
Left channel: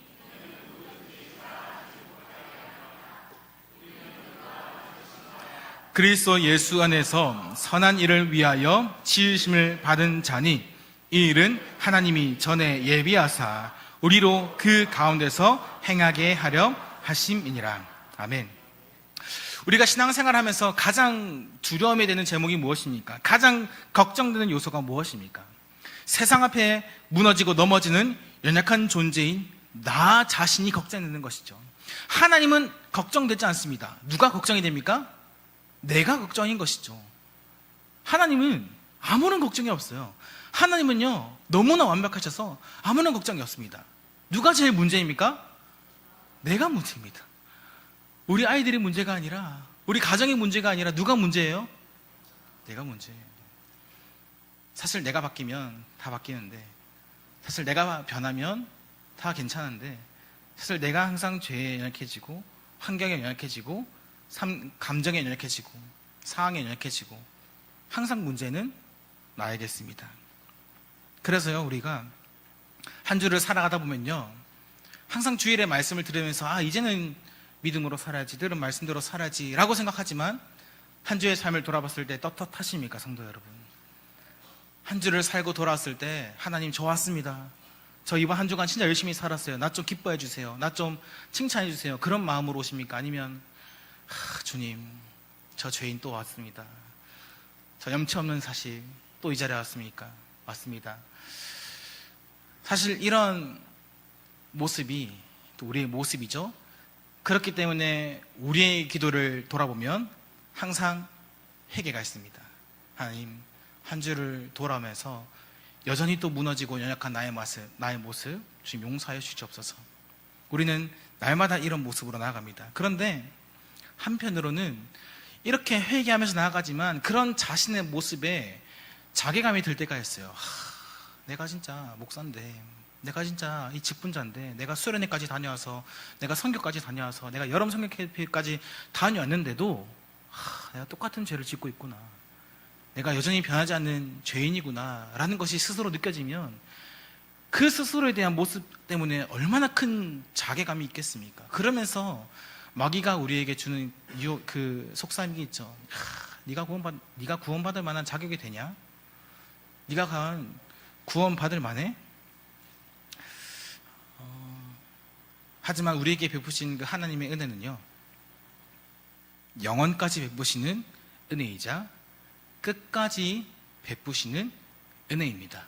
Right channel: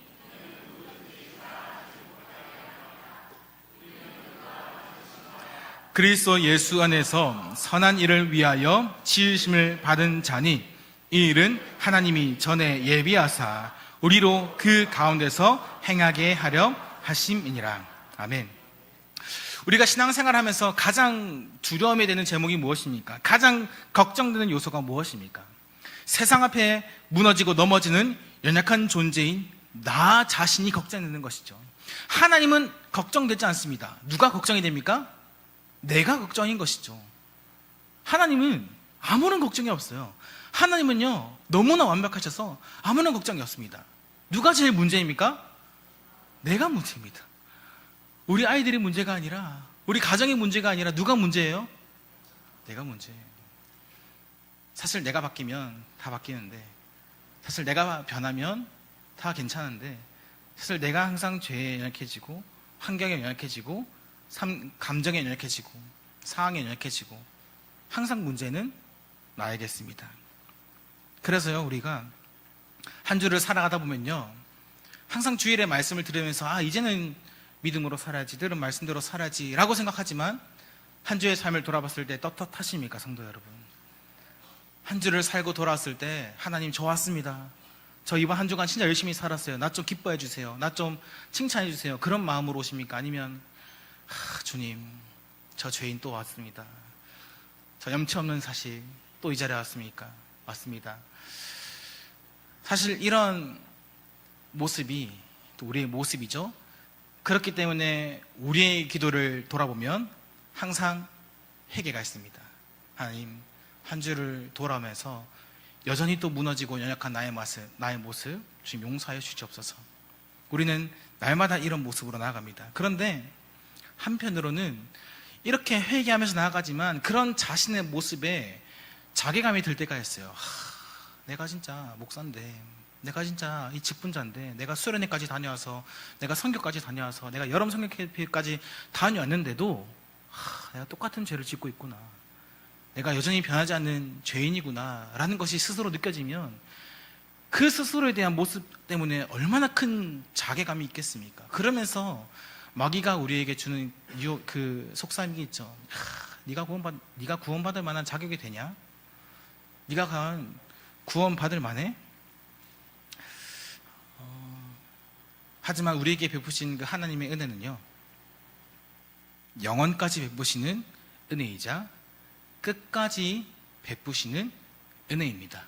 그리스도 예수 안에서 선한 일을 위하여 지으심을 받은 자니, 이 일은 하나님이 전에 예비하사 우리로 그 가운데서 행하게 하려 하심이니라. 아멘. 우리가 신앙생활하면서 가장 두려움이 되는 제목이 무엇입니까? 가장 걱정되는 요소가 무엇입니까? 세상 앞에 무너지고 넘어지는 연약한 존재인 나 자신이 걱정되는 것이죠. 하나님은 걱정되지 않습니다. 누가 걱정이 됩니까? 내가 걱정인 것이죠. 하나님은 아무런 걱정이 없어요. 하나님은요, 너무나 완벽하셔서 아무런 걱정이 없습니다. 누가 제일 문제입니까? 내가 문제입니다. 우리 아이들이 문제가 아니라, 우리 가정의 문제가 아니라 누가 문제예요? 내가 문제예요. 사실 내가 바뀌면 다 바뀌는데, 사실 내가 변하면 다 괜찮은데, 사실 내가 항상 죄에 연약해지고 환경에 연약해지고 감정에 연약해지고 상황에 연약해지고 항상 문제는 나에게있습니다. 그래서요, 우리가 한 주를 살아가다 보면요, 항상 주일에 말씀을 들으면서 이제는 믿음으로 살아야지, 들은 말씀대로 살아야지 라고 생각하지만 한 주의 삶을 돌아봤을 때 떳떳하십니까, 성도 여러분? 한 주를 살고 돌아왔을 때 하나님 좋았습니다. 저 이번 한 주간 진짜 열심히 살았어요. 나 좀 기뻐해 주세요. 나 좀 칭찬해 주세요. 그런 마음으로 오십니까? 아니면 주님, 저 죄인 또 왔습니다. 저 염치 없는 사실 또 이 자리에 왔습니까? 왔습니다. 사실 이런 모습이 또 우리의 모습이죠. 그렇기 때문에 우리의 기도를 돌아보면 항상 회개가 있습니다. 하나님, 한 주를 돌아오면서 여전히 또 무너지고 연약한 나의 모습 주님 용서하여 주시옵소서. 우리는 날마다 이런 모습으로 나아갑니다. 그런데 한편으로는 이렇게 회개하면서 나아가지만 그런 자신의 모습에 자괴감이 들 때가 있어요. 내가 진짜 목사인데, 내가 진짜 이 직분자인데, 내가 수련회까지 다녀와서, 내가 성교까지 다녀와서, 내가 여름 성교회까지 다녀왔는데도 내가 똑같은 죄를 짓고 있구나. 내가 여전히 변하지 않는 죄인이구나 라는 것이 스스로 느껴지면 그 스스로에 대한 모습 때문에 얼마나 큰 자괴감이 있겠습니까? 그러면서 마귀가 우리에게 주는 그 속삭임이 있죠. 네가 구원받을 만한 자격이 되냐? 네가 구원받을 만해? 하지만 우리에게 베푸신 그 하나님의 은혜는요, 영원까지 베푸시는 은혜이자 끝까지 베푸시는 은혜입니다.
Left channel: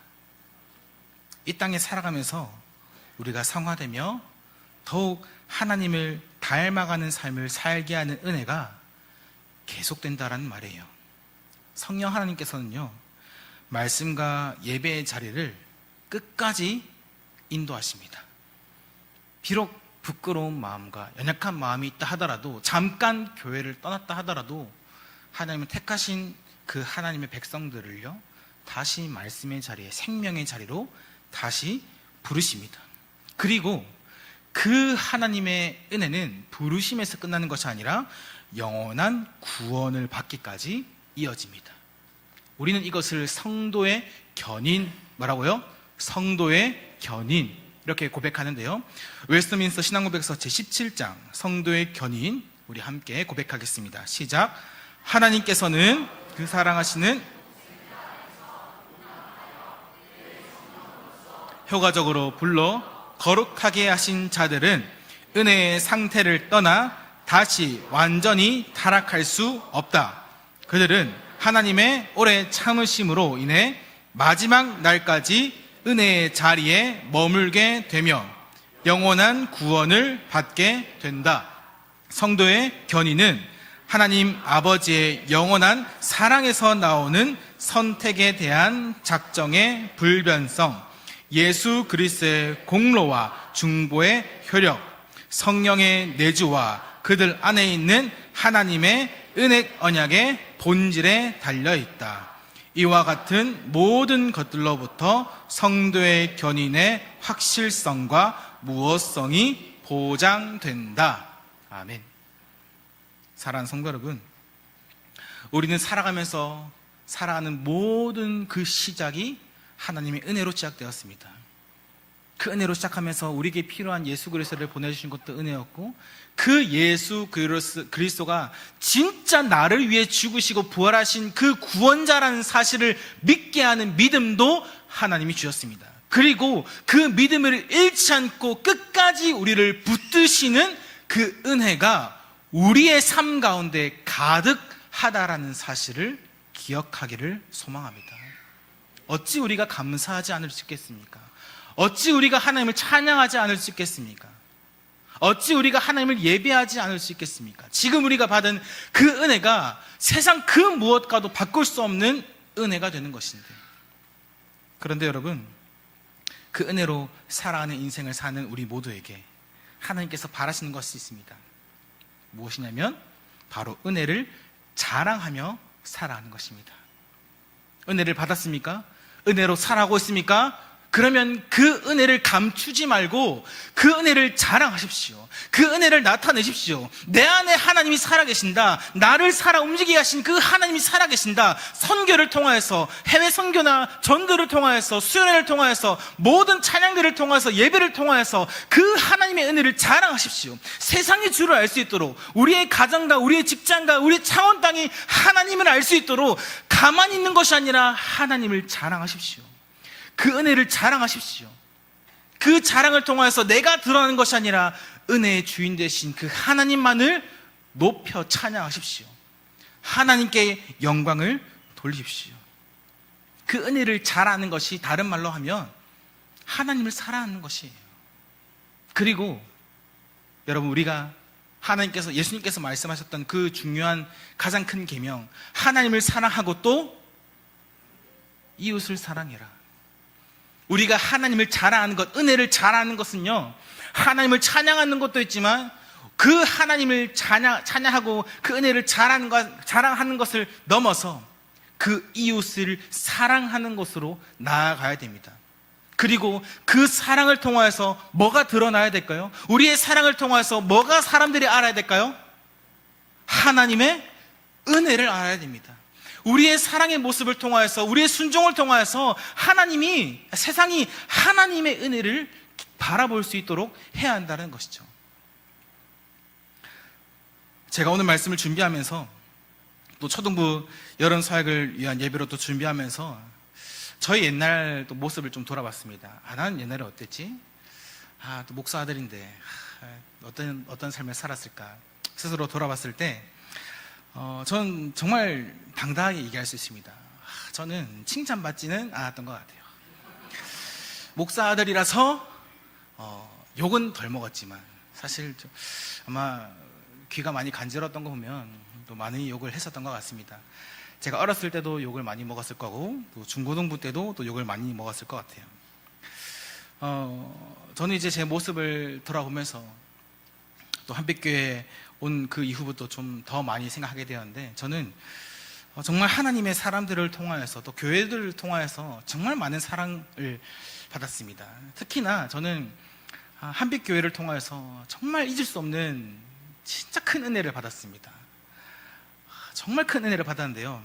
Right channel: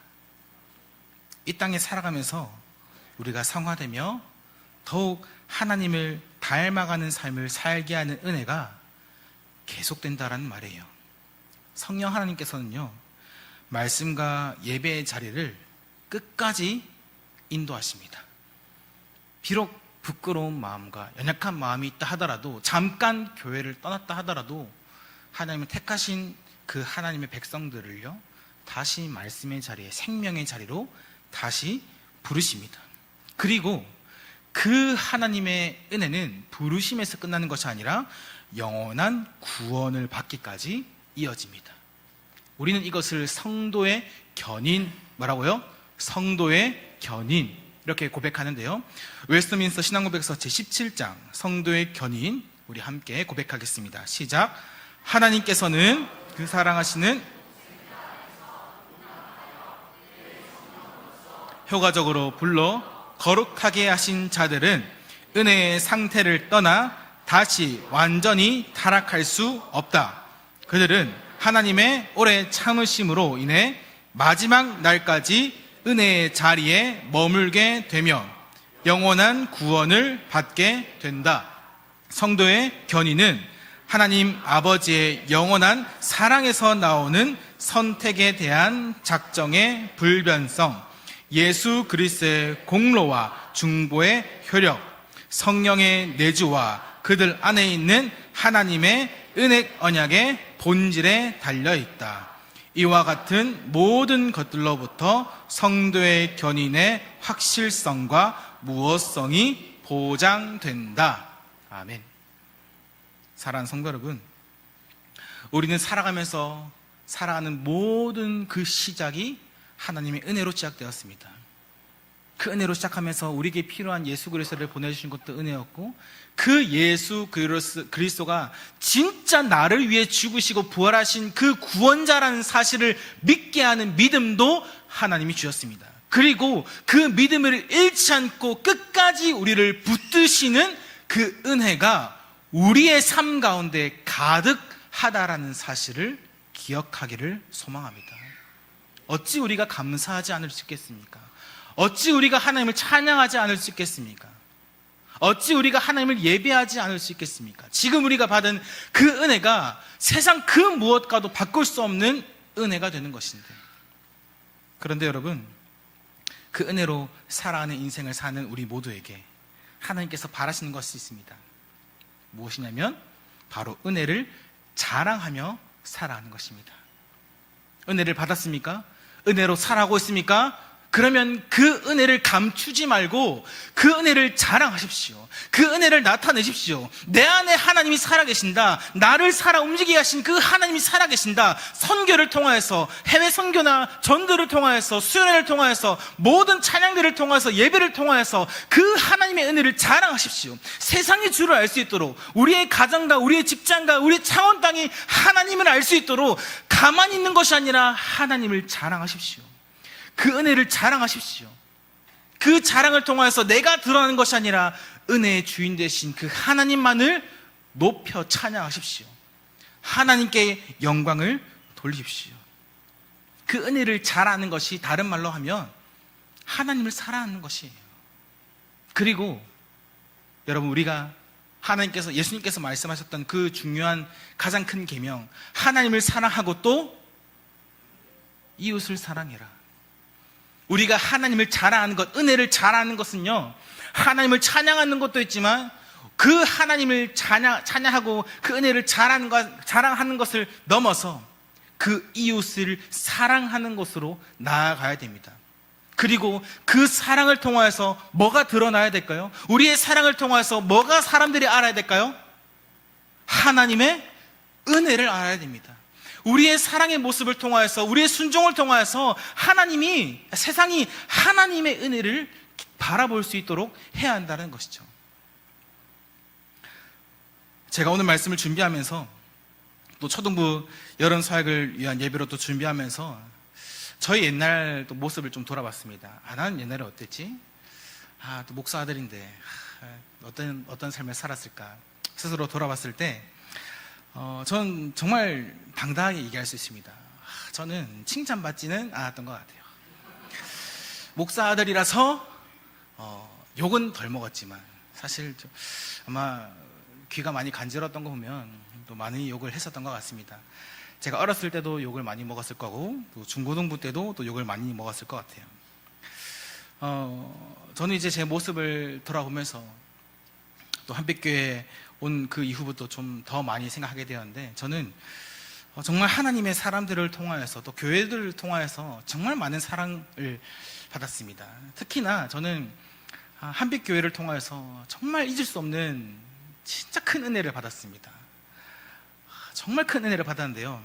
이 땅에 살아가면서 우리가 성화되며 더욱 하나님을 닮아가는 삶을 살게 하는 은혜가 계속된다라는 말이에요. 성령 하나님께서는요, 말씀과 예배의 자리를 끝까지 인도하십니다. 비록 부끄러운 마음과 연약한 마음이 있다 하더라도, 잠깐 교회를 떠났다 하더라도 하나님은 택하신 그 하나님의 백성들을요, 다시 말씀의 자리에, 생명의 자리로 다시 부르십니다. 그리고 그 하나님의 은혜는 부르심에서 끝나는 것이 아니라 영원한 구원을 받기까지 이어집니다. 우리는 이것을 성도의 견인, 뭐라고요? 성도의 견인, 이렇게 고백하는데요. 웨스트민스터 신앙고백서 제17장 성도의 견인, 우리 함께 고백하겠습니다. 시작. 하나님께서는 그 사랑하시는 효과적으로 불러 거룩하게 하신 자들은 은혜의 상태를 떠나 다시 완전히 타락할 수 없다. 그들은 하나님의 오래 참으심으로 인해 마지막 날까지 은혜의 자리에 머물게 되며 영원한 구원을 받게 된다. 성도의 견인은 하나님 아버지의 영원한 사랑에서 나오는 선택에 대한 작정의 불변성, 예수 그리스도의 공로와 중보의 효력, 성령의 내주와 그들 안에 있는 하나님의 은혜 언약의 본질에 달려있다. 이와 같은 모든 것들로부터 성도의 견인의 확실성과 무엇성이 보장된다. 아멘. 사랑하는 성도 여러분, 우리는 살아가면서 살아가는 모든 그 시작이 하나님의 은혜로 시작되었습니다. 그 은혜로 시작하면서 우리에게 필요한 예수 그리스도를 보내주신 것도 은혜였고, 그 예수 그리스도가 진짜 나를 위해 죽으시고 부활하신 그 구원자라는 사실을 믿게 하는 믿음도 하나님이 주셨습니다. 그리고 그 믿음을 잃지 않고 끝까지 우리를 붙드시는 그 은혜가 우리의 삶 가운데 가득하다라는 사실을 기억하기를 소망합니다. 어찌 우리가 감사하지 않을 수 있겠습니까? 어찌 우리가 하나님을 찬양하지 않을 수 있겠습니까? 어찌 우리가 하나님을 예배하지 않을 수 있겠습니까? 지금 우리가 받은 그 은혜가 세상 그 무엇과도 바꿀 수 없는 은혜가 되는 것인데, 그런데 여러분, 그 은혜로 살아가는 인생을 사는 우리 모두에게 하나님께서 바라시는 것이 있습니다. 무엇이냐면 바로 은혜를 자랑하며 살아가는 것입니다. 은혜를 받았습니까? 은혜로 살아가고 있습니까? 그러면 그 은혜를 감추지 말고 그 은혜를 자랑하십시오. 그 은혜를 나타내십시오. 내 안에 하나님이 살아계신다. 나를 살아 움직이게 하신 그 하나님이 살아계신다. 선교를 통하여서, 해외 선교나 전도를 통하여서, 수련회를 통하여서, 모든 찬양들을 통하여서, 예배를 통하여서 그 하나님의 은혜를 자랑하십시오. 세상이 주를 알 수 있도록, 우리의 가정과 우리의 직장과 우리의 창원 땅이 하나님을 알 수 있도록 가만히 있는 것이 아니라 하나님을 자랑하십시오. 그 은혜를 자랑하십시오. 그 자랑을 통하여서 내가 드러나는 것이 아니라 은혜의 주인 되신 그 하나님만을 높여 찬양하십시오. 하나님께 영광을 돌리십시오. 그 은혜를 자랑하는 것이 다른 말로 하면 하나님을 사랑하는 것이에요. 그리고 여러분, 우리가 하나님께서, 예수님께서 말씀하셨던 그 중요한 가장 큰 계명, 하나님을 사랑하고 또 이웃을 사랑해라. 우리가 하나님을 자랑하는 것, 은혜를 자랑하는 것은요, 하나님을 찬양하는 것도 있지만 그 하나님을 찬양하고 그 은혜를 자랑하는 것을 넘어서 그 이웃을 사랑하는 것으로 나아가야 됩니다. 그리고 그 사랑을 통하여서 뭐가 드러나야 될까요? 우리의 사랑을 통하여서 뭐가 사람들이 알아야 될까요? 하나님의 은혜를 알아야 됩니다. 우리의 사랑의 모습을 통하여서, 우리의 순종을 통하여서 세상이 하나님의 은혜를 바라볼 수 있도록 해야 한다는 것이죠. 제가 오늘 말씀을 준비하면서 또 초등부 여름 사역을 위한 예배로 또 준비하면서 저희 옛날 또 모습을 좀 돌아봤습니다. 나는 옛날에 어땠지? 또 목사 아들인데 어떤 삶을 살았을까? 스스로 돌아봤을 때 저는 정말 당당하게 얘기할 수 있습니다. 저는 칭찬받지는 않았던 것 같아요. 목사 아들이라서 욕은 덜 먹었지만 사실 아마 귀가 많이 간지러웠던 거 보면 또 많이 욕을 했었던 것 같습니다. 제가 어렸을 때도 욕을 많이 먹었을 거고 또 중고등부 때도 또 욕을 많이 먹었을 것 같아요. 저는 이제 제 모습을 돌아보면서 또 한빛교회에 온 그 이후부터 좀 더 많이 생각하게 되었는데, 저는 정말 하나님의 사람들을 통하여서 또 교회들을 통하여서 정말 많은 사랑을 받았습니다. 특히나 저는 한빛교회를 통하여서 정말 잊을 수 없는 진짜 큰 은혜를 받았습니다. 정말 큰 은혜를 받았는데요.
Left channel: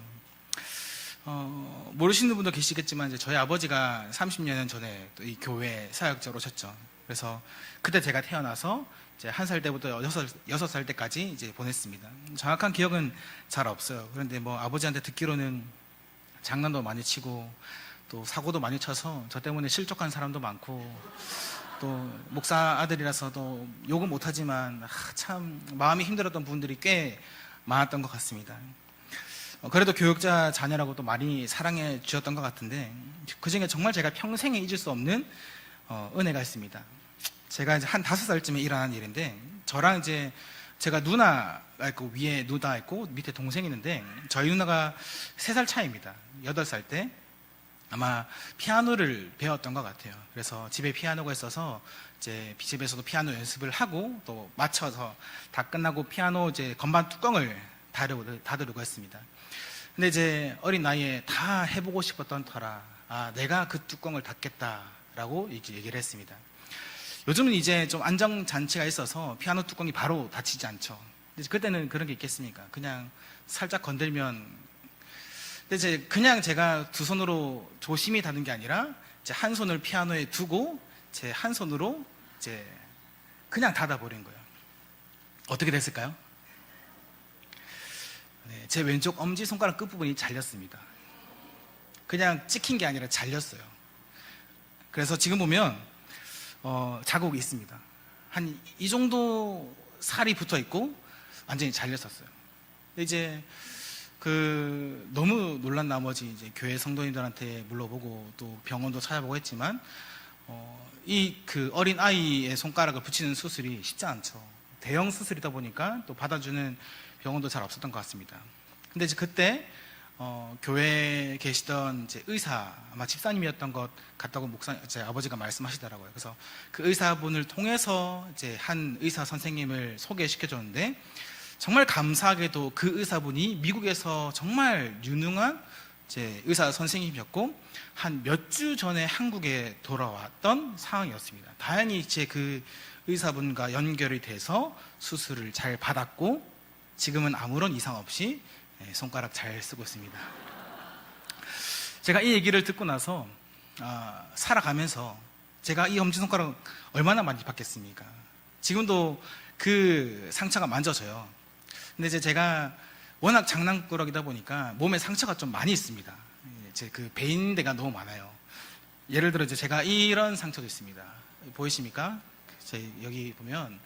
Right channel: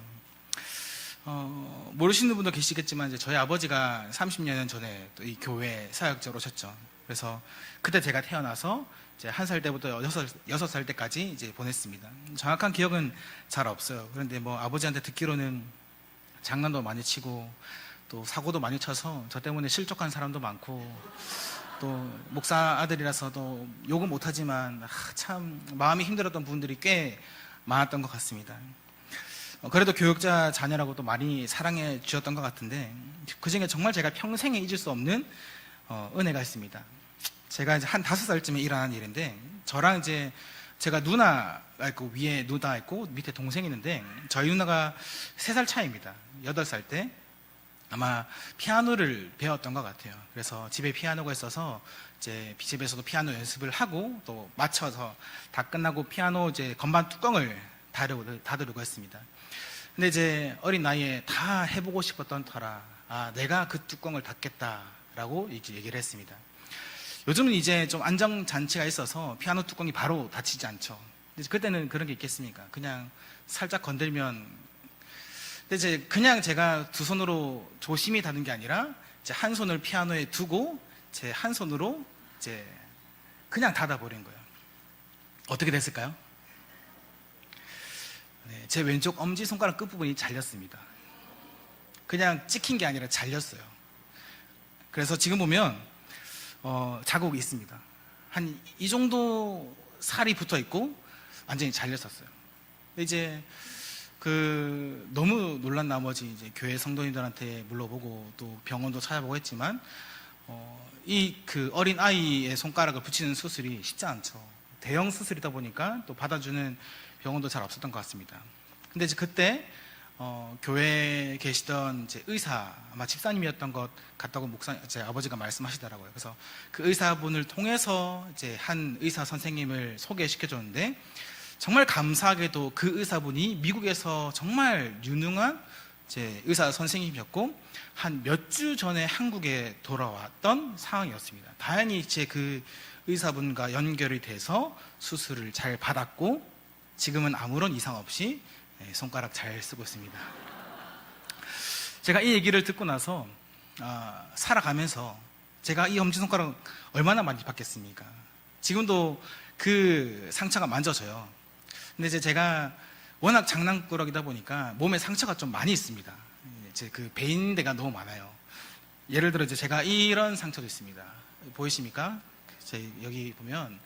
모르시는 분도 계시겠지만 이제 저희 아버지가 30년 전에 또 이 교회 사역자로 오셨죠. 그래서 그때 제가 태어나서 이제 1살 때부터 6살 때까지 이제 보냈습니다. 정확한 기억은 잘 없어요. 그런데 뭐 아버지한테 듣기로는 장난도 많이 치고 또 사고도 많이 쳐서 저 때문에 실족한 사람도 많고, 또 목사 아들이라서 또 욕은 못하지만 참 마음이 힘들었던 분들이 꽤 많았던 것 같습니다. 그래도 교육자 자녀라고 또 많이 사랑해 주셨던 것 같은데, 그중에 정말 제가 평생에 잊을 수 없는 은혜가 있습니다. 제가 이제 한 5살쯤에 일어난 일인데, 저랑 이제 제가 누나가 있고 위에 누나 있고 밑에 동생이 있는데, 저희 누나가 3살 차이입니다. 8살 때 아마 피아노를 배웠던 것 같아요. 그래서 집에 피아노가 있어서 이제 집에서도 피아노 연습을 하고 또 맞춰서 다 끝나고 피아노 이제 건반 뚜껑을 닫으려고 했습니다. 근데 이제 어린 나이에 다 해보고 싶었던 터라 내가 그 뚜껑을 닫겠다라고 이렇게 얘기를 했습니다. 요즘은 이제 좀 안정장치가 있어서 피아노 뚜껑이 바로 닫히지 않죠. 근데 그때는 그런 게 있겠습니까? 그냥 살짝 건들면. 근데 이제 그냥 제가 두 손으로 조심히 닫는 게 아니라 이제 한 손을 피아노에 두고 제 한 손으로 이제 그냥 닫아버린 거예요. 어떻게 됐을까요? 네, 제 왼쪽 엄지손가락 끝부분이 잘렸습니다. 그냥 찍힌 게 아니라 잘렸어요. 그래서 지금 보면 자국이 있습니다. 한 이 정도 살이 붙어 있고 완전히 잘렸었어요. 이제 너무 놀란 나머지 이제 교회 성도님들한테 물어보고 또 병원도 찾아보고 했지만 어린 아이의 손가락을 붙이는 수술이 쉽지 않죠. 대형 수술이다 보니까 또 받아주는 병원도 잘 없었던 것 같습니다. 근데 이제 그때 교회에 계시던 이제 의사, 아마 집사님이었던 것 같다고 제 아버지가 말씀하시더라고요. 그래서 그 의사분을 통해서 이제 한 의사 선생님을 소개시켜줬는데, 정말 감사하게도 그 의사분이 미국에서 정말 유능한 제 의사 선생님이었고 한 몇 주 전에 한국에 돌아왔던 상황이었습니다. 다행히 제 그 의사분과 연결이 돼서 수술을 잘 받았고 지금은 아무런 이상 없이 손가락 잘 쓰고 있습니다. 제가 이 얘기를 듣고 나서 살아가면서 제가 이 엄지손가락 얼마나 많이 받겠습니까? 지금도 그 상처가 만져져요. 근데 이제 제가 워낙 장난꾸러기다 보니까 몸에 상처가 좀 많이 있습니다. 제 그 베인데가 너무 많아요. 예를 들어 이제 제가 이런 상처도 있습니다. 보이십니까? 제 여기 보면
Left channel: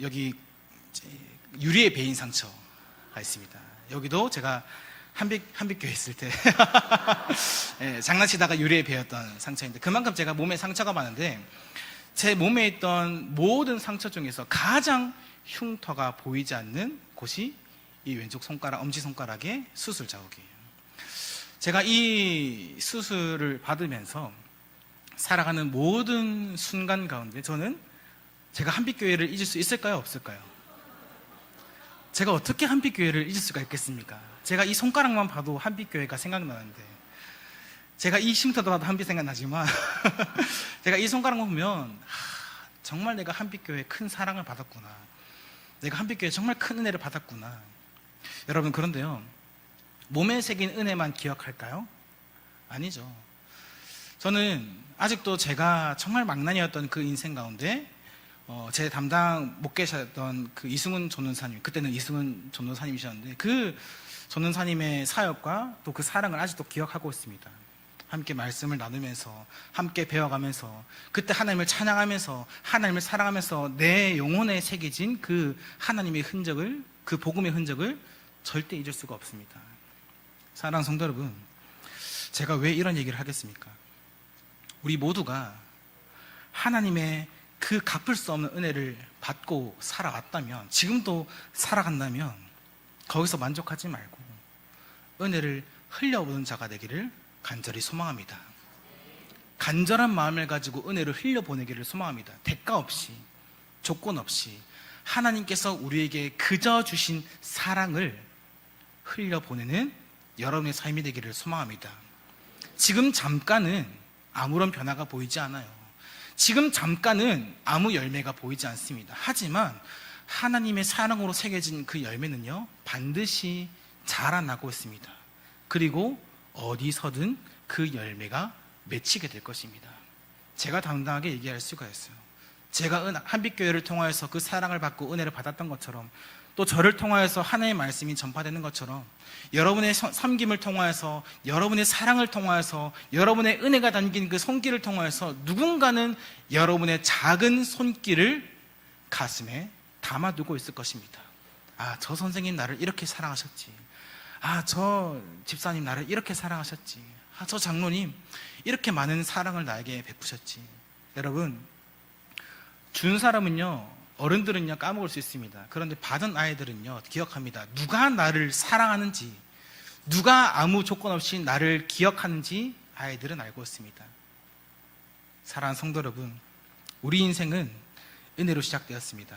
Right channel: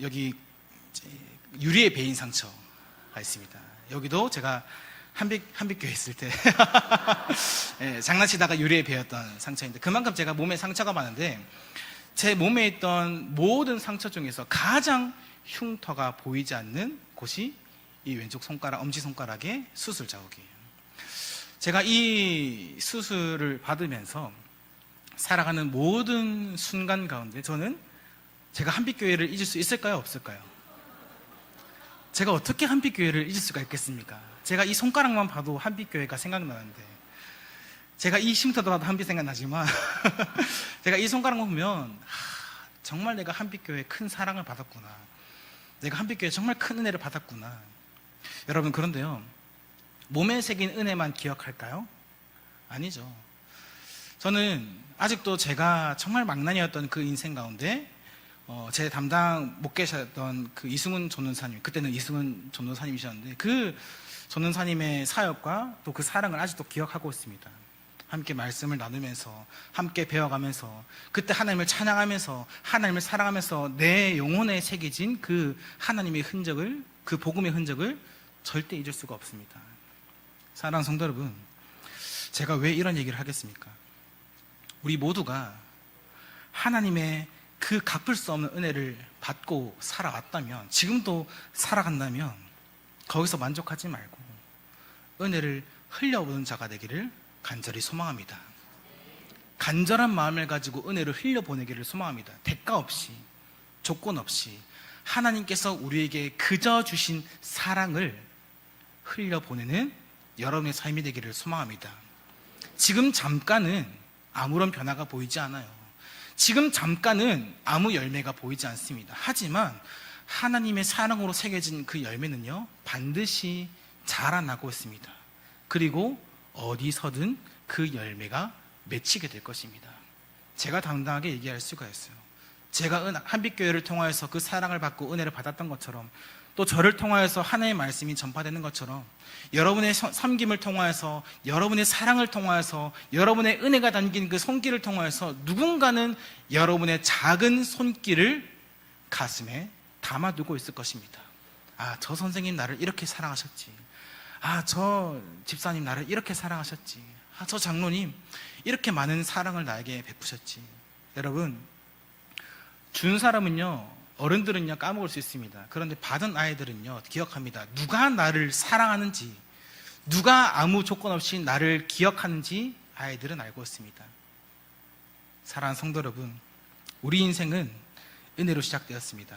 여기 유리에 베인 상처가 있습니다. 여기도 제가 한빛교회 있을 때 장난치다가 유리에 베었던 상처인데 그만큼 제가 몸에 상처가 많은데 제 몸에 있던 모든 상처 중에서 가장 흉터가 보이지 않는 곳이 이 왼쪽 손가락, 엄지손가락의 수술 자국이에요. 제가 이 수술을 받으면서 살아가는 모든 순간 가운데 저는 제가 한빛교회를 잊을 수 있을까요? 없을까요? 제가 어떻게 한빛교회를 잊을 수가 있겠습니까? 제가 이 손가락만 봐도 한빛교회가 생각나는데 제가 이 쉼터도 봐도 한빛 생각나지만 제가 이 손가락만 보면 정말 내가 한빛교회에 큰 사랑을 받았구나. 내가 한빛교회에 정말 큰 은혜를 받았구나. 여러분 그런데요. 몸에 새긴 은혜만 기억할까요? 아니죠. 저는 아직도 제가 정말 망나니였던 그 인생 가운데 제 담당 목회자였던 그 이승훈 전도사님, 그때는 이승훈 전도사님이셨는데 그 전도사님의 사역과 또 그 사랑을 아직도 기억하고 있습니다. 함께 말씀을 나누면서 함께 배워가면서 그때 하나님을 찬양하면서 하나님을 사랑하면서 내 영혼에 새겨진 그 하나님의 흔적을, 그 복음의 흔적을 절대 잊을 수가 없습니다. 사랑하는 성도 여러분, 제가 왜 이런 얘기를 하겠습니까? 우리 모두가 하나님의 그 갚을 수 없는 은혜를 받고 살아왔다면, 지금도 살아간다면 거기서 만족하지 말고 은혜를 흘려보는 자가 되기를 간절히 소망합니다. 간절한 마음을 가지고 은혜를 흘려보내기를 소망합니다. 대가 없이, 조건 없이 하나님께서 우리에게 그저 주신 사랑을 흘려보내는 여러분의 삶이 되기를 소망합니다. 지금 잠깐은 아무런 변화가 보이지 않아요. 지금 잠깐은 아무 열매가 보이지 않습니다. 하지만 하나님의 사랑으로 새겨진 그 열매는요, 반드시 자라나고 있습니다. 그리고 어디서든 그 열매가 맺히게 될 것입니다. 제가 당당하게 얘기할 수가 있어요. 제가 한빛교회를 통하여서 그 사랑을 받고 은혜를 받았던 것처럼, 또 저를 통하여서 하나님의 말씀이 전파되는 것처럼, 여러분의 섬김을 통하여서, 여러분의 사랑을 통하여서, 여러분의 은혜가 담긴 그 손길을 통하여서 누군가는 여러분의 작은 손길을 가슴에 담아두고 있을 것입니다. 아, 저 선생님 나를 이렇게 사랑하셨지. 아, 저 집사님 나를 이렇게 사랑하셨지. 아, 저 장로님 이렇게 많은 사랑을 나에게 베푸셨지. 여러분, 준 사람은요, 어른들은요 까먹을 수 있습니다. 그런데 받은 아이들은요 기억합니다. 누가 나를 사랑하는지, 누가 아무 조건 없이 나를 기억하는지 아이들은 알고 있습니다. 사랑하는 성도 여러분, 우리 인생은 은혜로 시작되었습니다.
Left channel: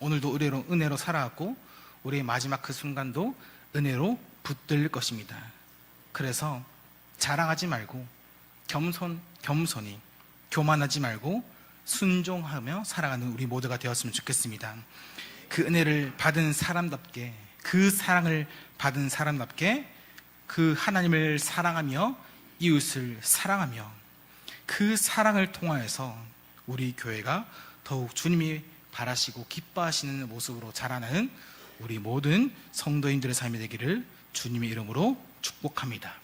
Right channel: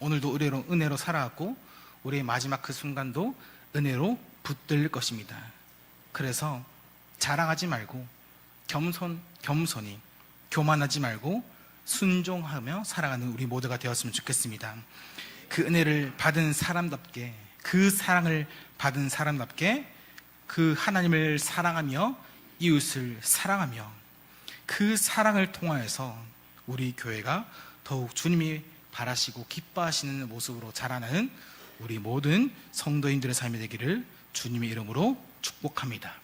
오늘도 은혜로 살아왔고 우리의 마지막 그 순간도 은혜로 붙들 것입니다. 그래서 자랑하지 말고 겸손히 교만하지 말고 순종하며 살아가는 우리 모두가 되었으면 좋겠습니다. 그 은혜를 받은 사람답게, 그 사랑을 받은 사람답게 그 하나님을 사랑하며 이웃을 사랑하며 그 사랑을 통하여서 우리 교회가 더욱 주님이 바라시고 기뻐하시는 모습으로 자라나는 우리 모든 성도인들의 삶이 되기를 주님의 이름으로 축복합니다.